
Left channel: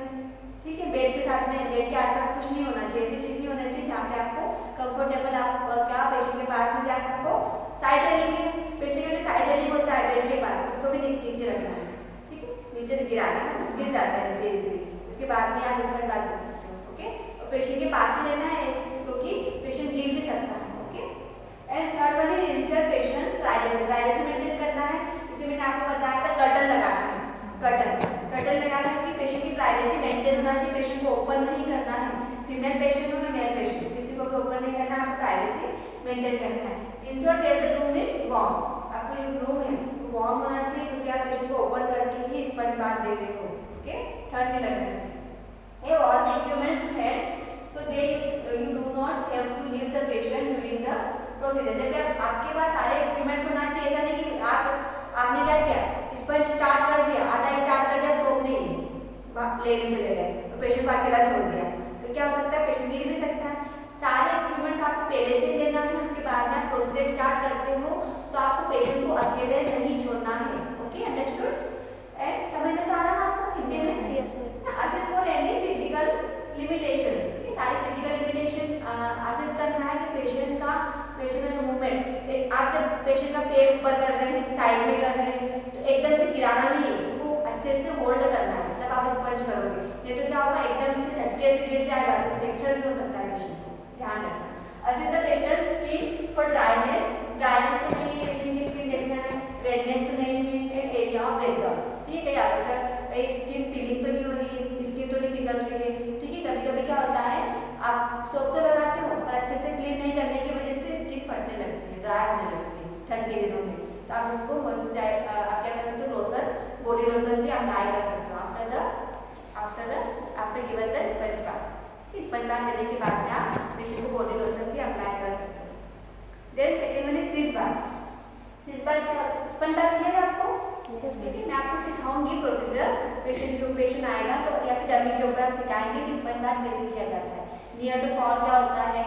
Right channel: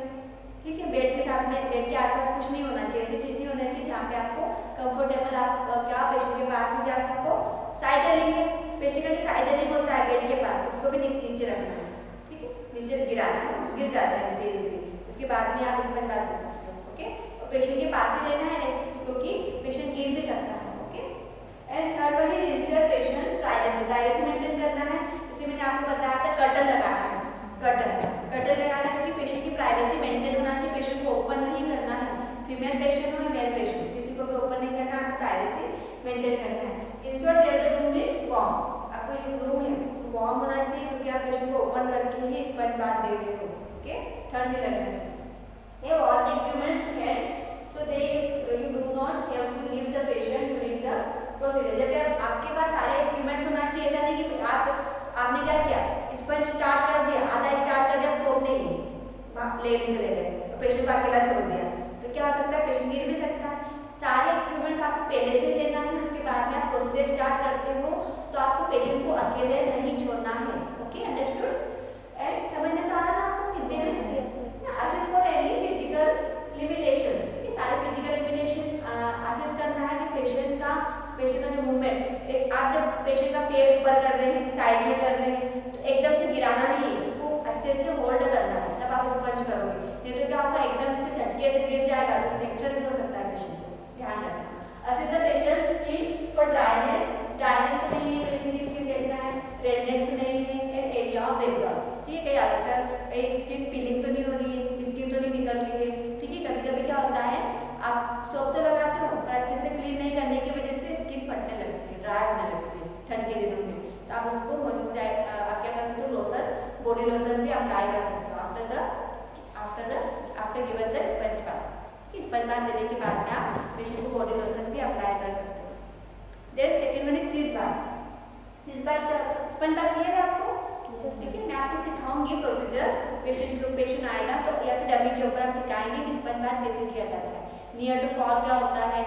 ठीक है, बेड के साथ में, बेड के आसपास कुछ नहीं होना चाहिए, ऐसी चीज नहीं होना चाहिए जहाँ पे आपको कंफर्टेबल आप क्या पेशेंट के पास में जा सको। साइड रेलिंग है, पेशेंट का जो साइड रेलिंग होता है बेड के पास उसको भी नीचे रखना है, ठीक है, नीचे गिराना है, गिर जाता है नीचे इजीली, उसके बाद में आप इसमें डाल दे सकते हो। ओके, और पेशेंट के पास ही रहना है क्योंकि पेशेंट गिर भी सकता है। Okay, and third one is ensure patient privacy, privacy maintain करना है, इसे मैंने आपको बताया था कर्टन लगाना है, कर्टन लगाना है क्योंकि पेशेंट की प्राइवेसी मेंटेन होना चाहिए, पेशेंट को ओपन नहीं करना है, फीमेल पेशेंट हो या मेल पेशेंट किसी को भी ओपन नहीं करना है, आपको प्राइवेसी मेंटेन करना है। Ensure that the room is warm, आपको जो रूम है वार्म होना चाहिए क्योंकि आप पेशेंट को ओपन करके ही स्पंज बाथ दे रहे हो। ओके, ठंड नहीं लगना चाहिए। All the equipments to head so they you do not have to leave the patient during the procedure. जब आपके पास सारे इक्विपमेंट्स होना चाहिए, ऐसा नहीं कि आपने क्या किया, स्पंज स्टार्ट कर दिया, आधा स्टार्ट कर दिया, सोप नहीं लेने चले गए तो पेशेंट को अकेला छोड़ दिया, तो क्या हो सकता है, पेशेंट गिर भी सकता है। सारे इक्विपमेंट्स आपको पहले से लेना है, उसके बाद में प्रोसीजर स्टार्ट करते हो तो आपको पेशेंट को अकेले नहीं छोड़ना है। Okay, understood? एंड समझ में तो आ रहा है आपको हिंदी में? Assess for any physical limitation, ये सारे फिजिकल लिमिटेशन असेस करना है कि पेशेंट का जो मूवमेंट, आप जब पेशेंट का पैर ऊपर कर रहे हैं, साइड में कर रहे हैं, तो एकदम से गिराना नहीं है, उसको अच्छे से होल्ड करना है, तब आप स्पंज करोगे, नहीं तो क्या होगा, एकदम से झटके से गिर जाएगा तो फ्रैक्चर भी हो सकता है पेशेंट को, ध्यान रखना। Assess the patient skin for dryness, dryness तो नहीं है, पेशेंट की स्किन देखना है, रेडनेस तो नहीं है, एंड एरिया ऑफ ब्रेकआउट, ठीक है, अक्सर स्किन पीलिंग तो नहीं हो रही है, स्किन तो नहीं निकल रही है, ठीक है। कभी कभी क्या होता है, आप सोप तो लगाते हो और अच्छे से क्लीन नहीं करने की वजह से स्किन फटने लगती है, ड्राई होने लगती है ठंड के दिनों में, तो आप उसको मॉइस्चराइज आप क्या कर सकते हो, लोशन, बॉडी लोशन भी अप्लाई कर सकते हो after given the sponge bath. Sponge bath देने के बाद में आप पेशेंट को बॉडी लोशन भी अप्लाई कर सकते हो। देन सेकंड वन इज सीज बाथ। सीज बाथ स्पंज बाथ क्लियर है आपको? ठीक है, मैं आपको सिखाऊंगी प्रोसीजर, पेशेंट आएगा तो या फिर डमी के ऊपर आप सिखाएंगे कि स्पंज बाथ कैसे किया जाता है। नियर टू फॉर क्या होता है,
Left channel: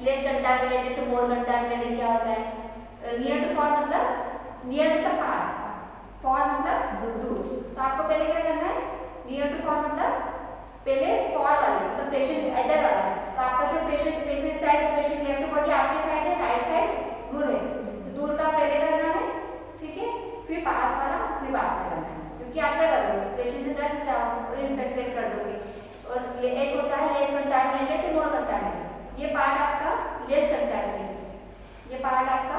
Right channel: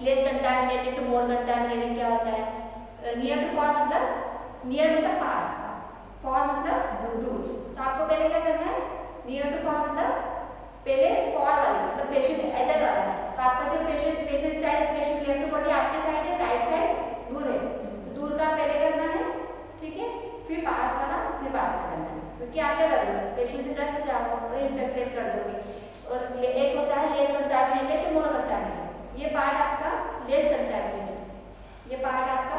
less contaminated to more contaminated क्या होता है, नियर टू फॉर मतलब नियर मतलब पास, फॉर मतलब दूर, तो आपको पहले क्या करना है, नियर टू फॉर मतलब पहले फॉर वाला मतलब पेशेंट इधर वाला, तो आपका जो patient side, patient left body आपके साइड है, राइट साइड दूर है, तो दूर का पहले करना है, ठीक है, फिर पास वाला फिर बाद में करना है, क्योंकि आप क्या करोगे, पेशेंट से डर जाओगे, इन्फेक्टेड कर दोगे। और एक होता है less contaminated to more contaminated, ये पार्ट आपका लेस कंटामिनेटेड, ये पार्ट आपका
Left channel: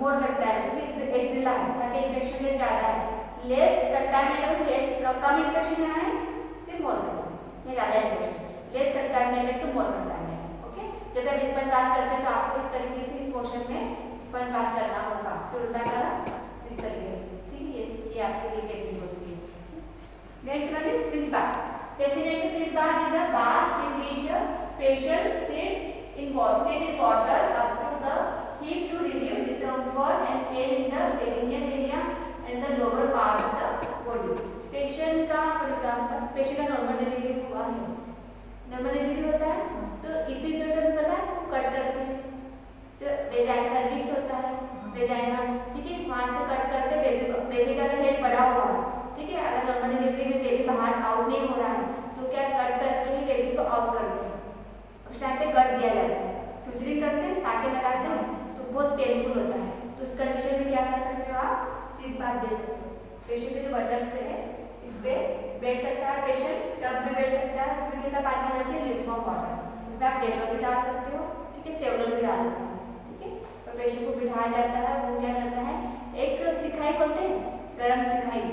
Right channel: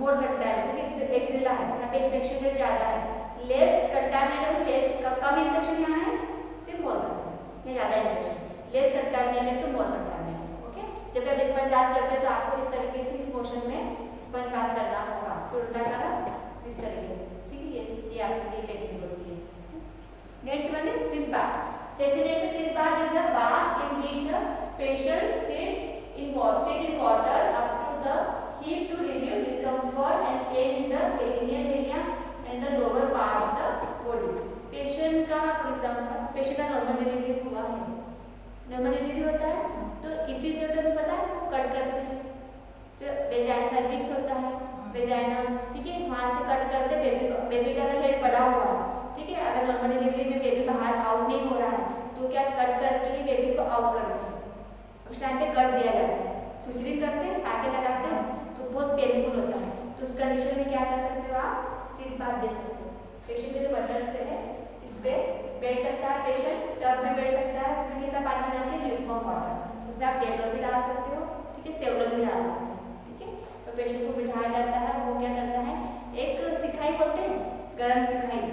मोर कंटामिनेटेड, क्योंकि एक्सिला है, यहाँ पे इन्फेक्शन रेट ज़्यादा है, लेस कंटामिनेटेड, लेस कम इन्फेक्शन यहाँ है, सिर्फ मोर कंटामिनेटेड, ये ज़्यादा infection, less contaminated to more contaminated. Okay, जब आप स्पंज बात करते हैं तो आपको इस तरीके से इस मोशन में स्पंज बात करना होगा, फिर उल्टा करा इस तरीके से, ठीक है, ये आपके लिए टेक्निक होती है। Next one is sis bath. Definition: Sitz bath is a bath in which a patient sit in water up to the hip to relieve discomfort and pain in the perineal area and the lower part of the body. Patient का for example patient का normal delivery हुआ है, normal delivery होता है तो episiotomy में पता है तो कट करते हैं, जो वेजाइना सर्विक्स होता है, वेजाइना, ठीक है, वहाँ से कट करते बेबी का अगर हेड बड़ा हुआ है, ठीक है, अगर नॉर्मल डिलीवरी में बेबी बाहर आउट नहीं हो रहा है तो क्या कट करके ही बेबी को आउट करते हैं, उस टाइम पे कट दिया जाता है, सुचरिंग करते हैं, टाके लगाते हैं, तो बहुत पेनफुल होता है, तो उस कंडीशन में क्या कर सकते हो आप, सीज बाथ दे सकते हो। पेशेंट के जो बटन से है इस पे बैठ सकता है, पेशेंट टब में बैठ सकता है, उसमें कैसा पानी आना चाहिए, ल्यूकवार्म वाटर, उसमें आप डेटॉल भी डाल सकते हो, ठीक है, सेवलॉन भी डाल सकते हो, ठीक है, और पेशेंट को बिठाया जाता है, वो क्या करता है, एक सिखाई बोलते हैं, गरम सिखाई,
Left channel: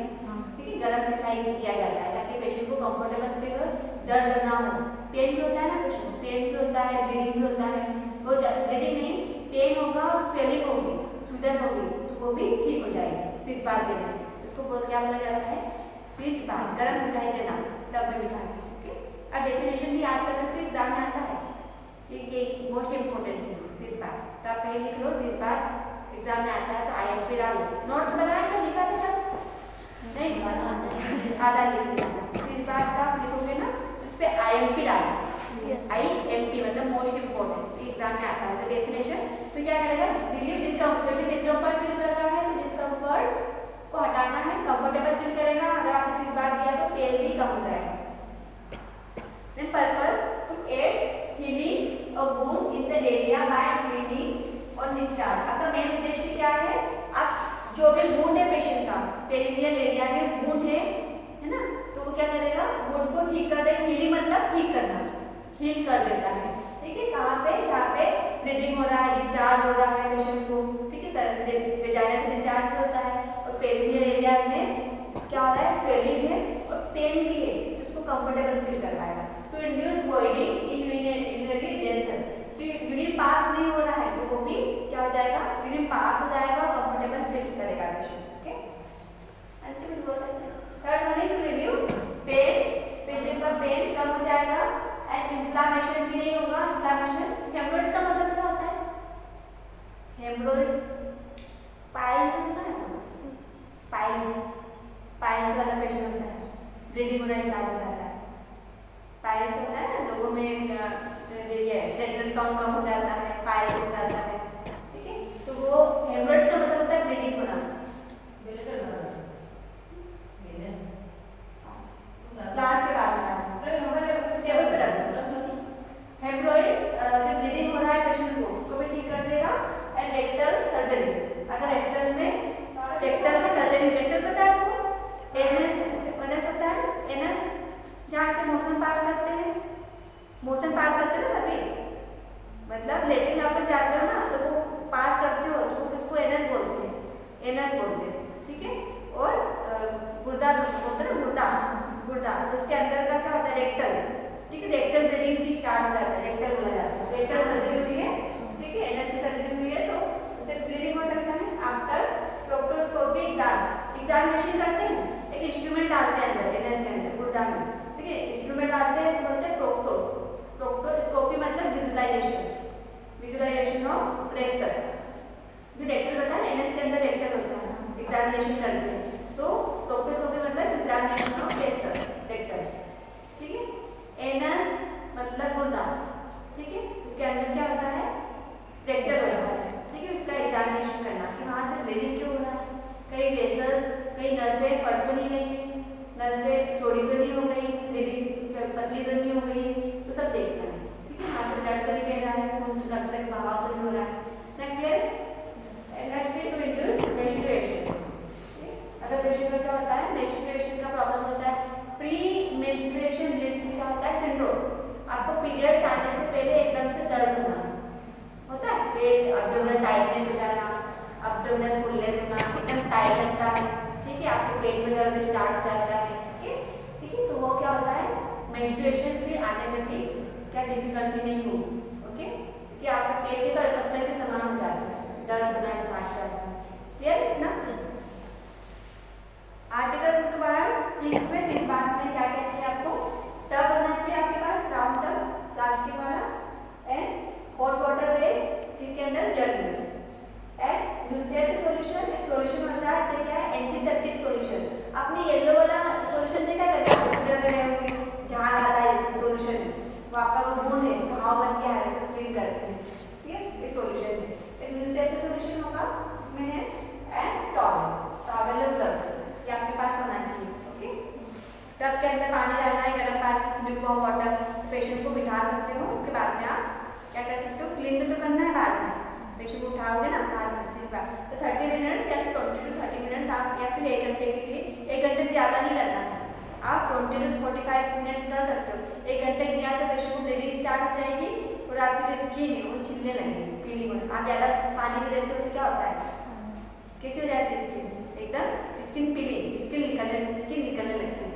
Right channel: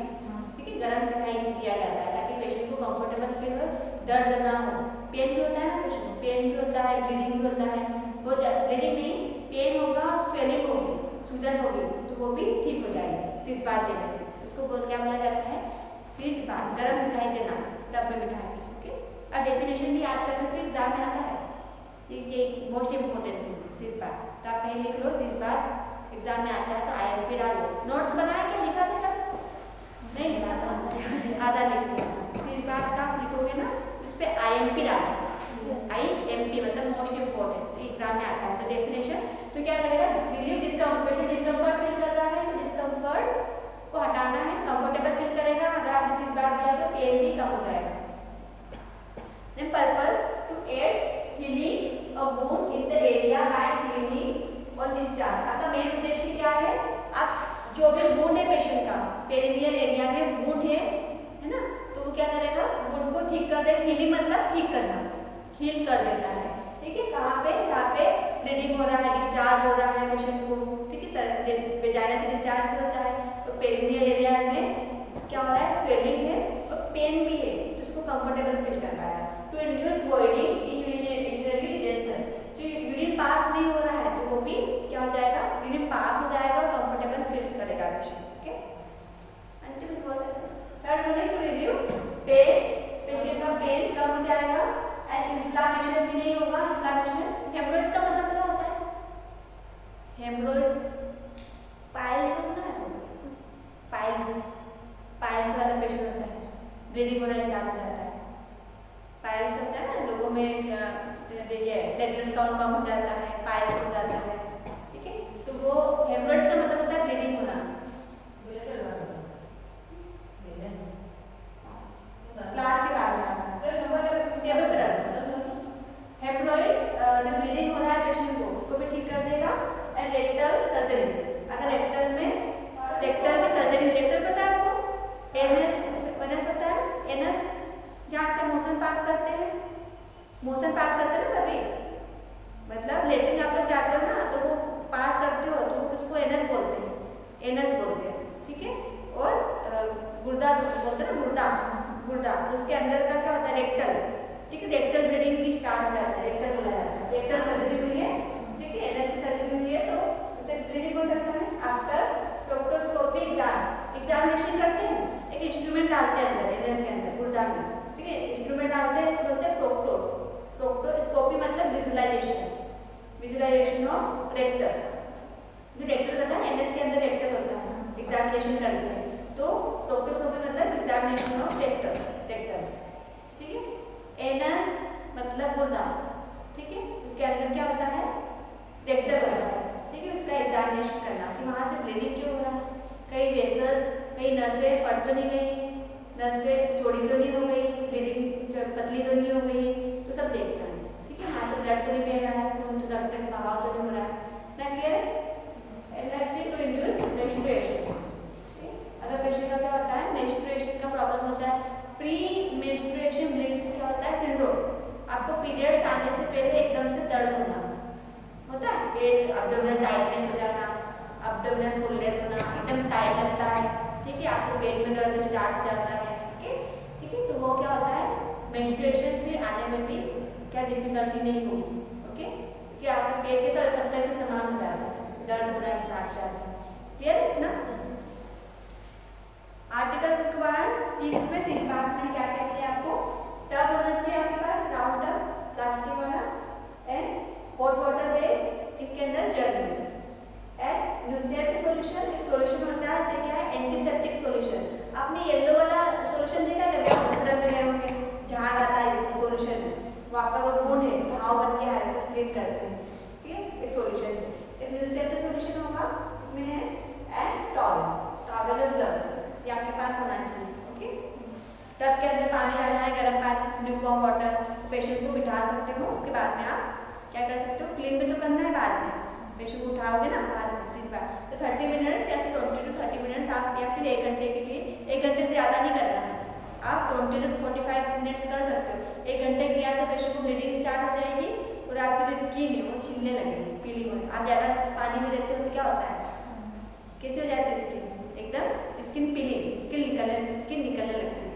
ठीक है, गरम सिखाई किया जाता है ताकि पेशेंट को कंफर्टेबल फील हो, दर्द ना हो, पेन भी होता है ना पेशेंट, पेन भी होता है, ब्लीडिंग भी होता है, वो ब्लीडिंग नहीं, पेन होगा, स्वेलिंग होगी, सूजन होगी, तो वो भी ठीक हो जाएगी सीज बाथ देने से, इसको बहुत क्या बोला जाता है, सीज बाथ, गरम सिखाई देना, टब में बिठाए, ठीक है। अब डेफिनेशन भी याद कर सकते हो, एग्जाम में आता है, ये मोस्ट इम्पोर्टेंट थिंग सीज बाथ, तो आप कहीं लिख लो सीज बाथ, एग्जाम में आता है तो IMP डालो, नोट्स बनाया क्या लिखा था नहीं, आधा लिख लिया, सीज बाथ का लिखोगे ना उस पे IMP डालो, IMP मतलब मोस्ट इम्पोर्टेंट, एग्जाम में आता है तो डेफिनेशन, तो क्या करेगा, रिलीव डिस्कम्फर्ट, डिस्कम्फर्ट फील कर रहा है तो डिस्कम्फर्ट को हटाना है, कंफर्टेबल फील करेगा, अगर आपने सीज बाथ दिया तो पेन भी कम हो जाएगा। Then purpose to aid healing a wound in the area by cleaning और डिस्चार्ज, आपका मेन उद्देश्य क्या है, आप जो भी वुंड है पेशेंट का, पेरिनियल एरिया में वुंड है ना, तो वो क्या करेगा, वुंड को ठीक कर देगा, हीलिंग मतलब ठीक करना, हील कर देता है, ठीक है, कहाँ पे, जहाँ पे ब्लीडिंग हो रहा है, डिस्चार्ज हो रहा है पेशेंट को, ठीक है, सर वेजाइना से डिस्चार्ज होता है, और पेरिनियल एरिया में क्या हो रहा है, स्वेलिंग है और पेन भी है, तो उसको कंफर्टेबल फील करवाएगा। To induce body in urinary tension, जो यूरिन पास नहीं हो रहा है तो वो भी क्या हो जाएगा, यूरिन पास हो जाएगा और कंफर्टेबल फील करेगा patient, okay. Third one is to relieve pain, patient का पेन कम हो जाएगा एंड इन्फ्लामेशन भी नहीं होगा, इन्फ्लेमेशन। हेमरोइड्स का मतलब क्या होता है? हेमरोइड्स, पाइल्स सुना है आपने? पाइल्स वाला पेशेंट होता है, ब्लीडिंग होना स्टार्ट हो जाता है। पाइल्स होता है ना, लोगों में ये प्लेटलेट्स काउंट कम हो जाता है, पाइल्स हो जाता है, ठीक है। तो वो हेमरोइड्स का मतलब होता है ब्लीडिंग होना। क्लास के बाद टेबल पर रख दो। हेमरोइड्स जो ब्लीडिंग हो रहा है पेशेंट को, उसको भी ठीक कर देगा। एंड रेक्टल सर्जरी, अगर रेक्टल की सर्जरी, रेक्टल पता है आपको? एनस होता है, एनस जहाँ से मोशन पास करते हैं ना सभी, मतलब लेटरिन आप लोग जाते हो ना तो वो पास करते हो तो उसको एनस बोलते हैं, ठीक है। और गुर्दा बोलते हैं ना, गुर्दा तो उसके अंदर का क्या होता है? रेक्टल, ठीक है। रेक्टल ब्लीडिंग भी स्टार्ट हो जाता है, रेक्टल बोला जाता है। रेक्टल सर्जरी हुई है, ठीक है, एनस की सर्जरी हुई है तो उससे ब्लीडिंग हो सकता है। आफ्टर प्रोक्टोस्कोपी एग्जामिनेशन करते हैं, एक इंस्ट्रूमेंट डालते हैं अंदर एनस के अंदर गुर्दा में, ठीक है। इंस्ट्रूमेंट डालते हैं, इसको बोलते हैं प्रोक्टोस्कोपी मतलब विजुलाइजेशन ऑफ रेक्टल। जो रेक्टल होता है एनएस के अंदर रेक्टल होता है, एग्जामिनेशन करते हैं तो प्रोक्टोस्कोपी मतलब एग्जामिनेशन ऑफ रेक्टल, ठीक है। एनस मतलब गुर्दा, ठीक है, उसके अंदर क्या होता है? रेक्टल होता है, ठीक है। उसका एग्जामिनेशन करना कि वहाँ से ब्लीडिंग क्यों हो रहा है, कई वेसल्स, कई नसें फट तो नहीं गई, नसें छोड़ी तो नहीं हो गई, ब्लीडिंग पतली तो नहीं हो गई, तो सब देखना है, ठीक है। वहाँ से ब्लड तो नहीं बह रहा है, खून रक्त तक बहाव तो नहीं हो रहा है। Next to induce menstruation. अगर पेशेंट का क्या होता है? मेंस्ट्रुएशन का प्रॉब्लम होता है, प्री मेंस्ट्रुएशन ब्लीड क्या होता है? सिंड्रोम। आपको पीरियड्स आने से पहले एकदम से दर्द होता है, पेट एब्डोमिनल टाइटनेस हो जाना, एब्डोमिनल फुलनेस होना, एकदम टाइट लगता है, ठीक है। आपको पेट में दर्द स्टार्ट हो जाता है, ठीक है। तो वो क्या होता है? मेंस्ट्रुएशन फिर आने में भी क्या डिफिकल्टी नहीं होगी, ओके, कि आपके पेट के साथ पत्थर के समान हो जाता है, दर्द होना स्टार्ट हो जाता है, क्लियर ना? आर्टिकल 2 में इस बात में क्या क्या चाहिए आपको? टब होना चाहिए आपके पास, राउंड टब प्लास्टिक वाला, एंड हॉट वाटर बेड, इसके अंदर जग में, एंड ल्यूसियर की सॉल्यूशन। एक सॉल्यूशन होता है जो क्या है? Antiseptic solution. आपने येलो वाला सॉल्यूशन देखा कभी हॉस्पिटल में गए होंगे, जहाँ आता है इसका सॉल्यूशन, वो आपका वो वुंड है, घाव बन के है, उसको क्लीन करते हैं, ठीक है, एक सॉल्यूशन है। तो ल्यूसियर का सॉल्यूशन होगा, इसमें है एंड टॉवल और ग्लव्स, ये आपके पास होना चाहिए, ओके। टब के अंदर पानी डालना है, गर्म पानी, ल्यूकवार्म वाटर, पेशेंट को बिठा सकते हो, उसके बाद में आप क्या कर सकते हो? क्लीन भी तो करना है बाद में, पेशेंट को उठाओगे ना बाद में इस बार, तो 30 मिनट्स या फिर 20 to 30 मिनट्स आप, या फिर 1 घंटे के लिए, 1 घंटे से ज़्यादा नहीं करना है, आप 20 to 45 मिनट्स कर सकते हो। 1 घंटे किया तो पेशेंट को ब्लीडिंग स्टार्ट हो जाएगी और आपकी जो स्किन है वो छिलने लगेगी, पीली होने। आप ज़्यादा पानी में रहते हो तो क्या होता है? कैसे हो जाती है स्किन? एकदम स्किन पीली, स्किन निकलने लगती है।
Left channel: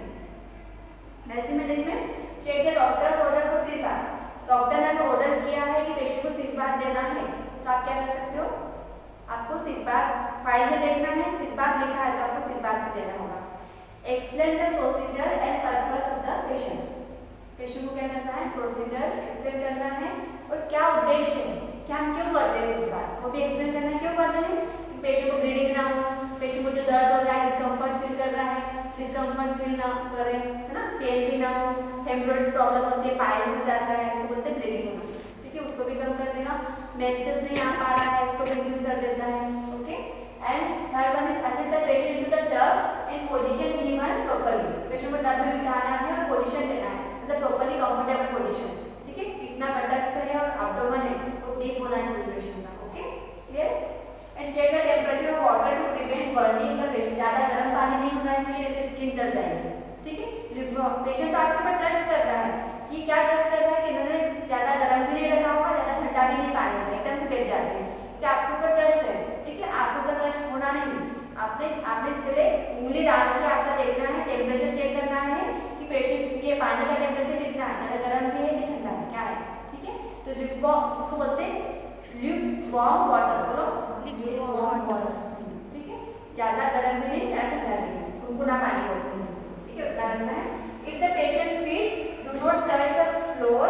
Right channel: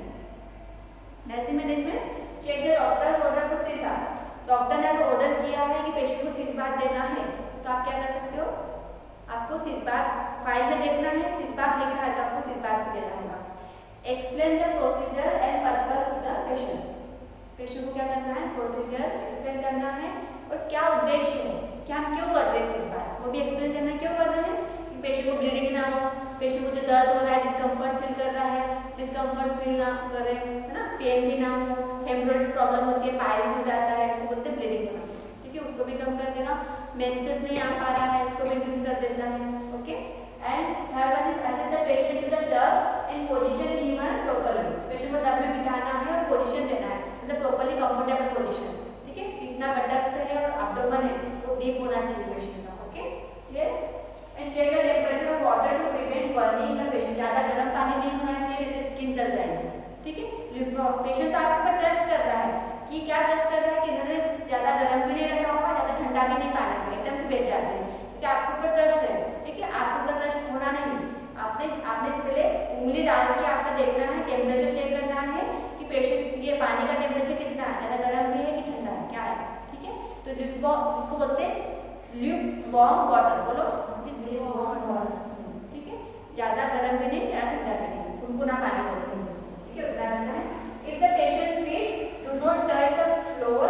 Nursing management, check the doctors order for सीज बाथ। डॉक्टर ने आपको ऑर्डर किया है कि पेशेंट को सीज बाथ देना है, तो आप क्या कर सकते हो? आपको सीज बाथ फाइल में देखना है, सीज बाथ लिखा है तो आपको सीज बाथ देना होगा। Explain the procedure and purpose of the patient. Patient को क्या करना है? प्रोसीजर एक्सप्लेन करना है और क्या उद्देश्य है, क्या हम क्यों कर रहे हैं सीज बाथ, वो भी एक्सप्लेन करना है, क्यों कर रहे हैं, कि पेशेंट को ब्लीडिंग ना हो, पेशेंट को जो दर्द हो रहा है, डिस्कम्फर्ट फील कर रहा है, डिस्कम्फर्ट फील ना करे, है ना, पेन भी ना हो, हेमरोइड्स प्रॉब्लम होती है, पाइल्स हो जाता है, इसको बोलते हैं ब्लीडिंग होना, ठीक है, उसको भी कम कर देगा। मेंसेस नहीं आ पा रहा है, उसको भी रिड्यूस कर देता है, okay. And third one is assist the patient to the tub and position given properly. Patient को टब में बिठाना है और पोजीशन देना है, मतलब प्रॉपर्ली कंफर्टेबल पोजीशन, ठीक है। इतना बटक्स है और एब्डोमेन है वो डीप होना चाहिए पेशेंट का, okay, clear. And check the temperature of water to prevent burning the patient. ज़्यादा गर्म पानी नहीं होना चाहिए तो स्किन जल जाएगी, ठीक है। पेशेंट आपके ऊपर ट्रस्ट कर रहा है, कि क्या ट्रस्ट कर रहा है कि इन्होंने ज़्यादा गर्म भी नहीं रखा होगा, ज़्यादा ठंडा भी नहीं पानी होगा, एकदम से बैठ जाते हैं, ठीक है। आपके ऊपर ट्रस्ट है, ठीक है, आपके ऊपर ट्रस्ट होना नहीं, आपने पहले उंगली डाल के आपका देखना है, टेम्परेचर चेक करना है कि पेशेंट ये पानी का टेम्परेचर कितना है, ज़्यादा गर्म भी है कि ठंडा है, क्या है, ठीक है। तो इसको बोलते हैं ल्यूकवार्म वाटर, बोलो ल्यूकवार्म वाटर, ठीक है, ज़्यादा गर्म भी नहीं, ज़्यादा ठंडा भी नहीं, गुनगुना पानी बोलते हैं इसको, ठीक है। If the patient feel do not touch the floor,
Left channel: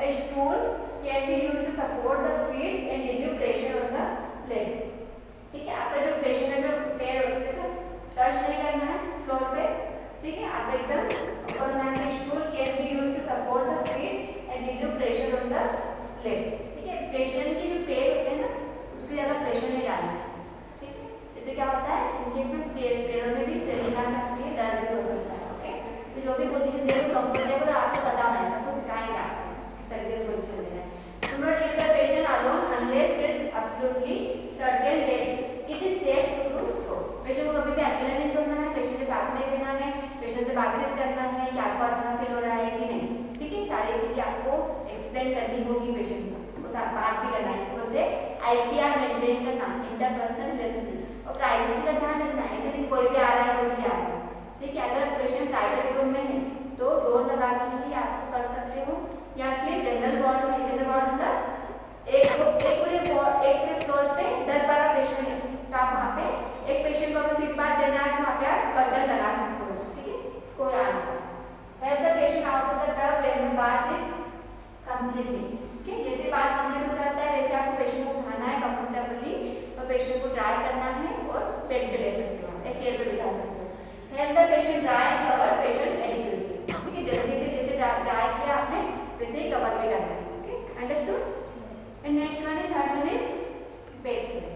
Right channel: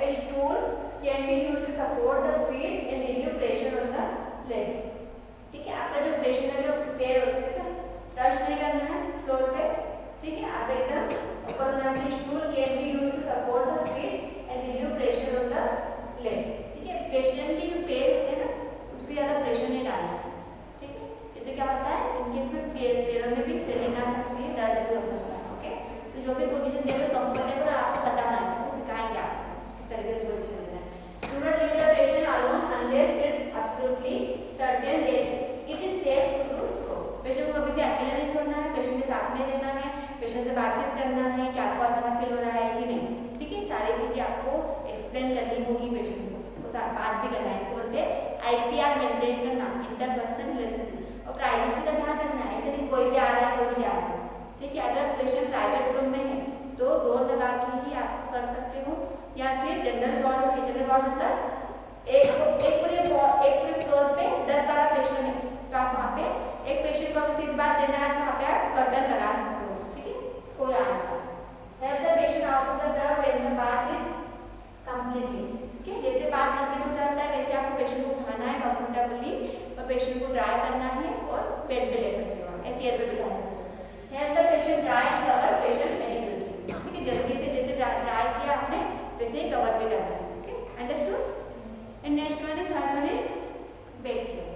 a stool can be used to support the feet and relieve pressure on the leg. ठीक है, आपका जो पेशेंट का जो पैर होता है टच नहीं करना है फ्लोर पे। ठीक है, आप एकदम ऊपर होना चाहिए। Stool can be used to support the feet and relieve pressure on the legs. ठीक है, पेशेंट के जो पैर होते हैं ना उस पर ज्यादा प्रेशर नहीं डालना है। ठीक है, इससे क्या होता है इनकेस में पैरों में भी स्वेलिंग आ सकती है, दर्द भी हो सकता है। ओके, तो जो भी पोजीशन दे रहे हो कंफर्टेबल आपको बताना है, सबको सिखाएंगे आप किस तरीके से पोजीशन देना है। Do not leave the patient alone unless it's absolutely certain that it is safe to do so. Patient को कभी भी अकेला नहीं छोड़ना है, पेशेंट के साथ में रहना है, पेशेंट से बातचीत करना है कि आपको अच्छा फील हो रहा है कि नहीं। ठीक है, सारी चीजें आपको एक्सप्लेन करनी होगी पेशेंट को, वो साथ बात भी करना है। इसको बोलते हैं IPR मेंटेन करना, इंटरपर्सनल रिलेशनशिप, और प्राइवेसी का ध्यान रखना है। ऐसे नहीं कोई भी आ रहा है कोई भी जा रहा है। ठीक है, अगर पेशेंट प्राइवेट रूम में है तो डोर लगा के ही आप कर सकते हो, या फिर जनरल वार्ड में, जनरल वार्ड मतलब एक पूरे फ्लोर पे 10-12 पेशेंट है तो आप वहाँ पे एक पेशेंट को अगर 6 बार देना है तो वहाँ पे आप कर्टन लगा सकते हो। ठीक है, कोई आ नहीं। Help the patient out of the tub when the bath is completely. ठीक है, जैसे बाथ कंप्लीट हो जाता है वैसे आपको पेशेंट को उठाना है कंफर्टेबली और पेशेंट को ड्राई करना है और बेड पे ले सकते हो या चेयर पे बिठा सकते हो। Help the patient dry cover patient adequately. ठीक है, जल्दी से जैसे ड्राई किया आपने वैसे ही कवर भी करना है। Okay, understood. And next one is third one is bed care.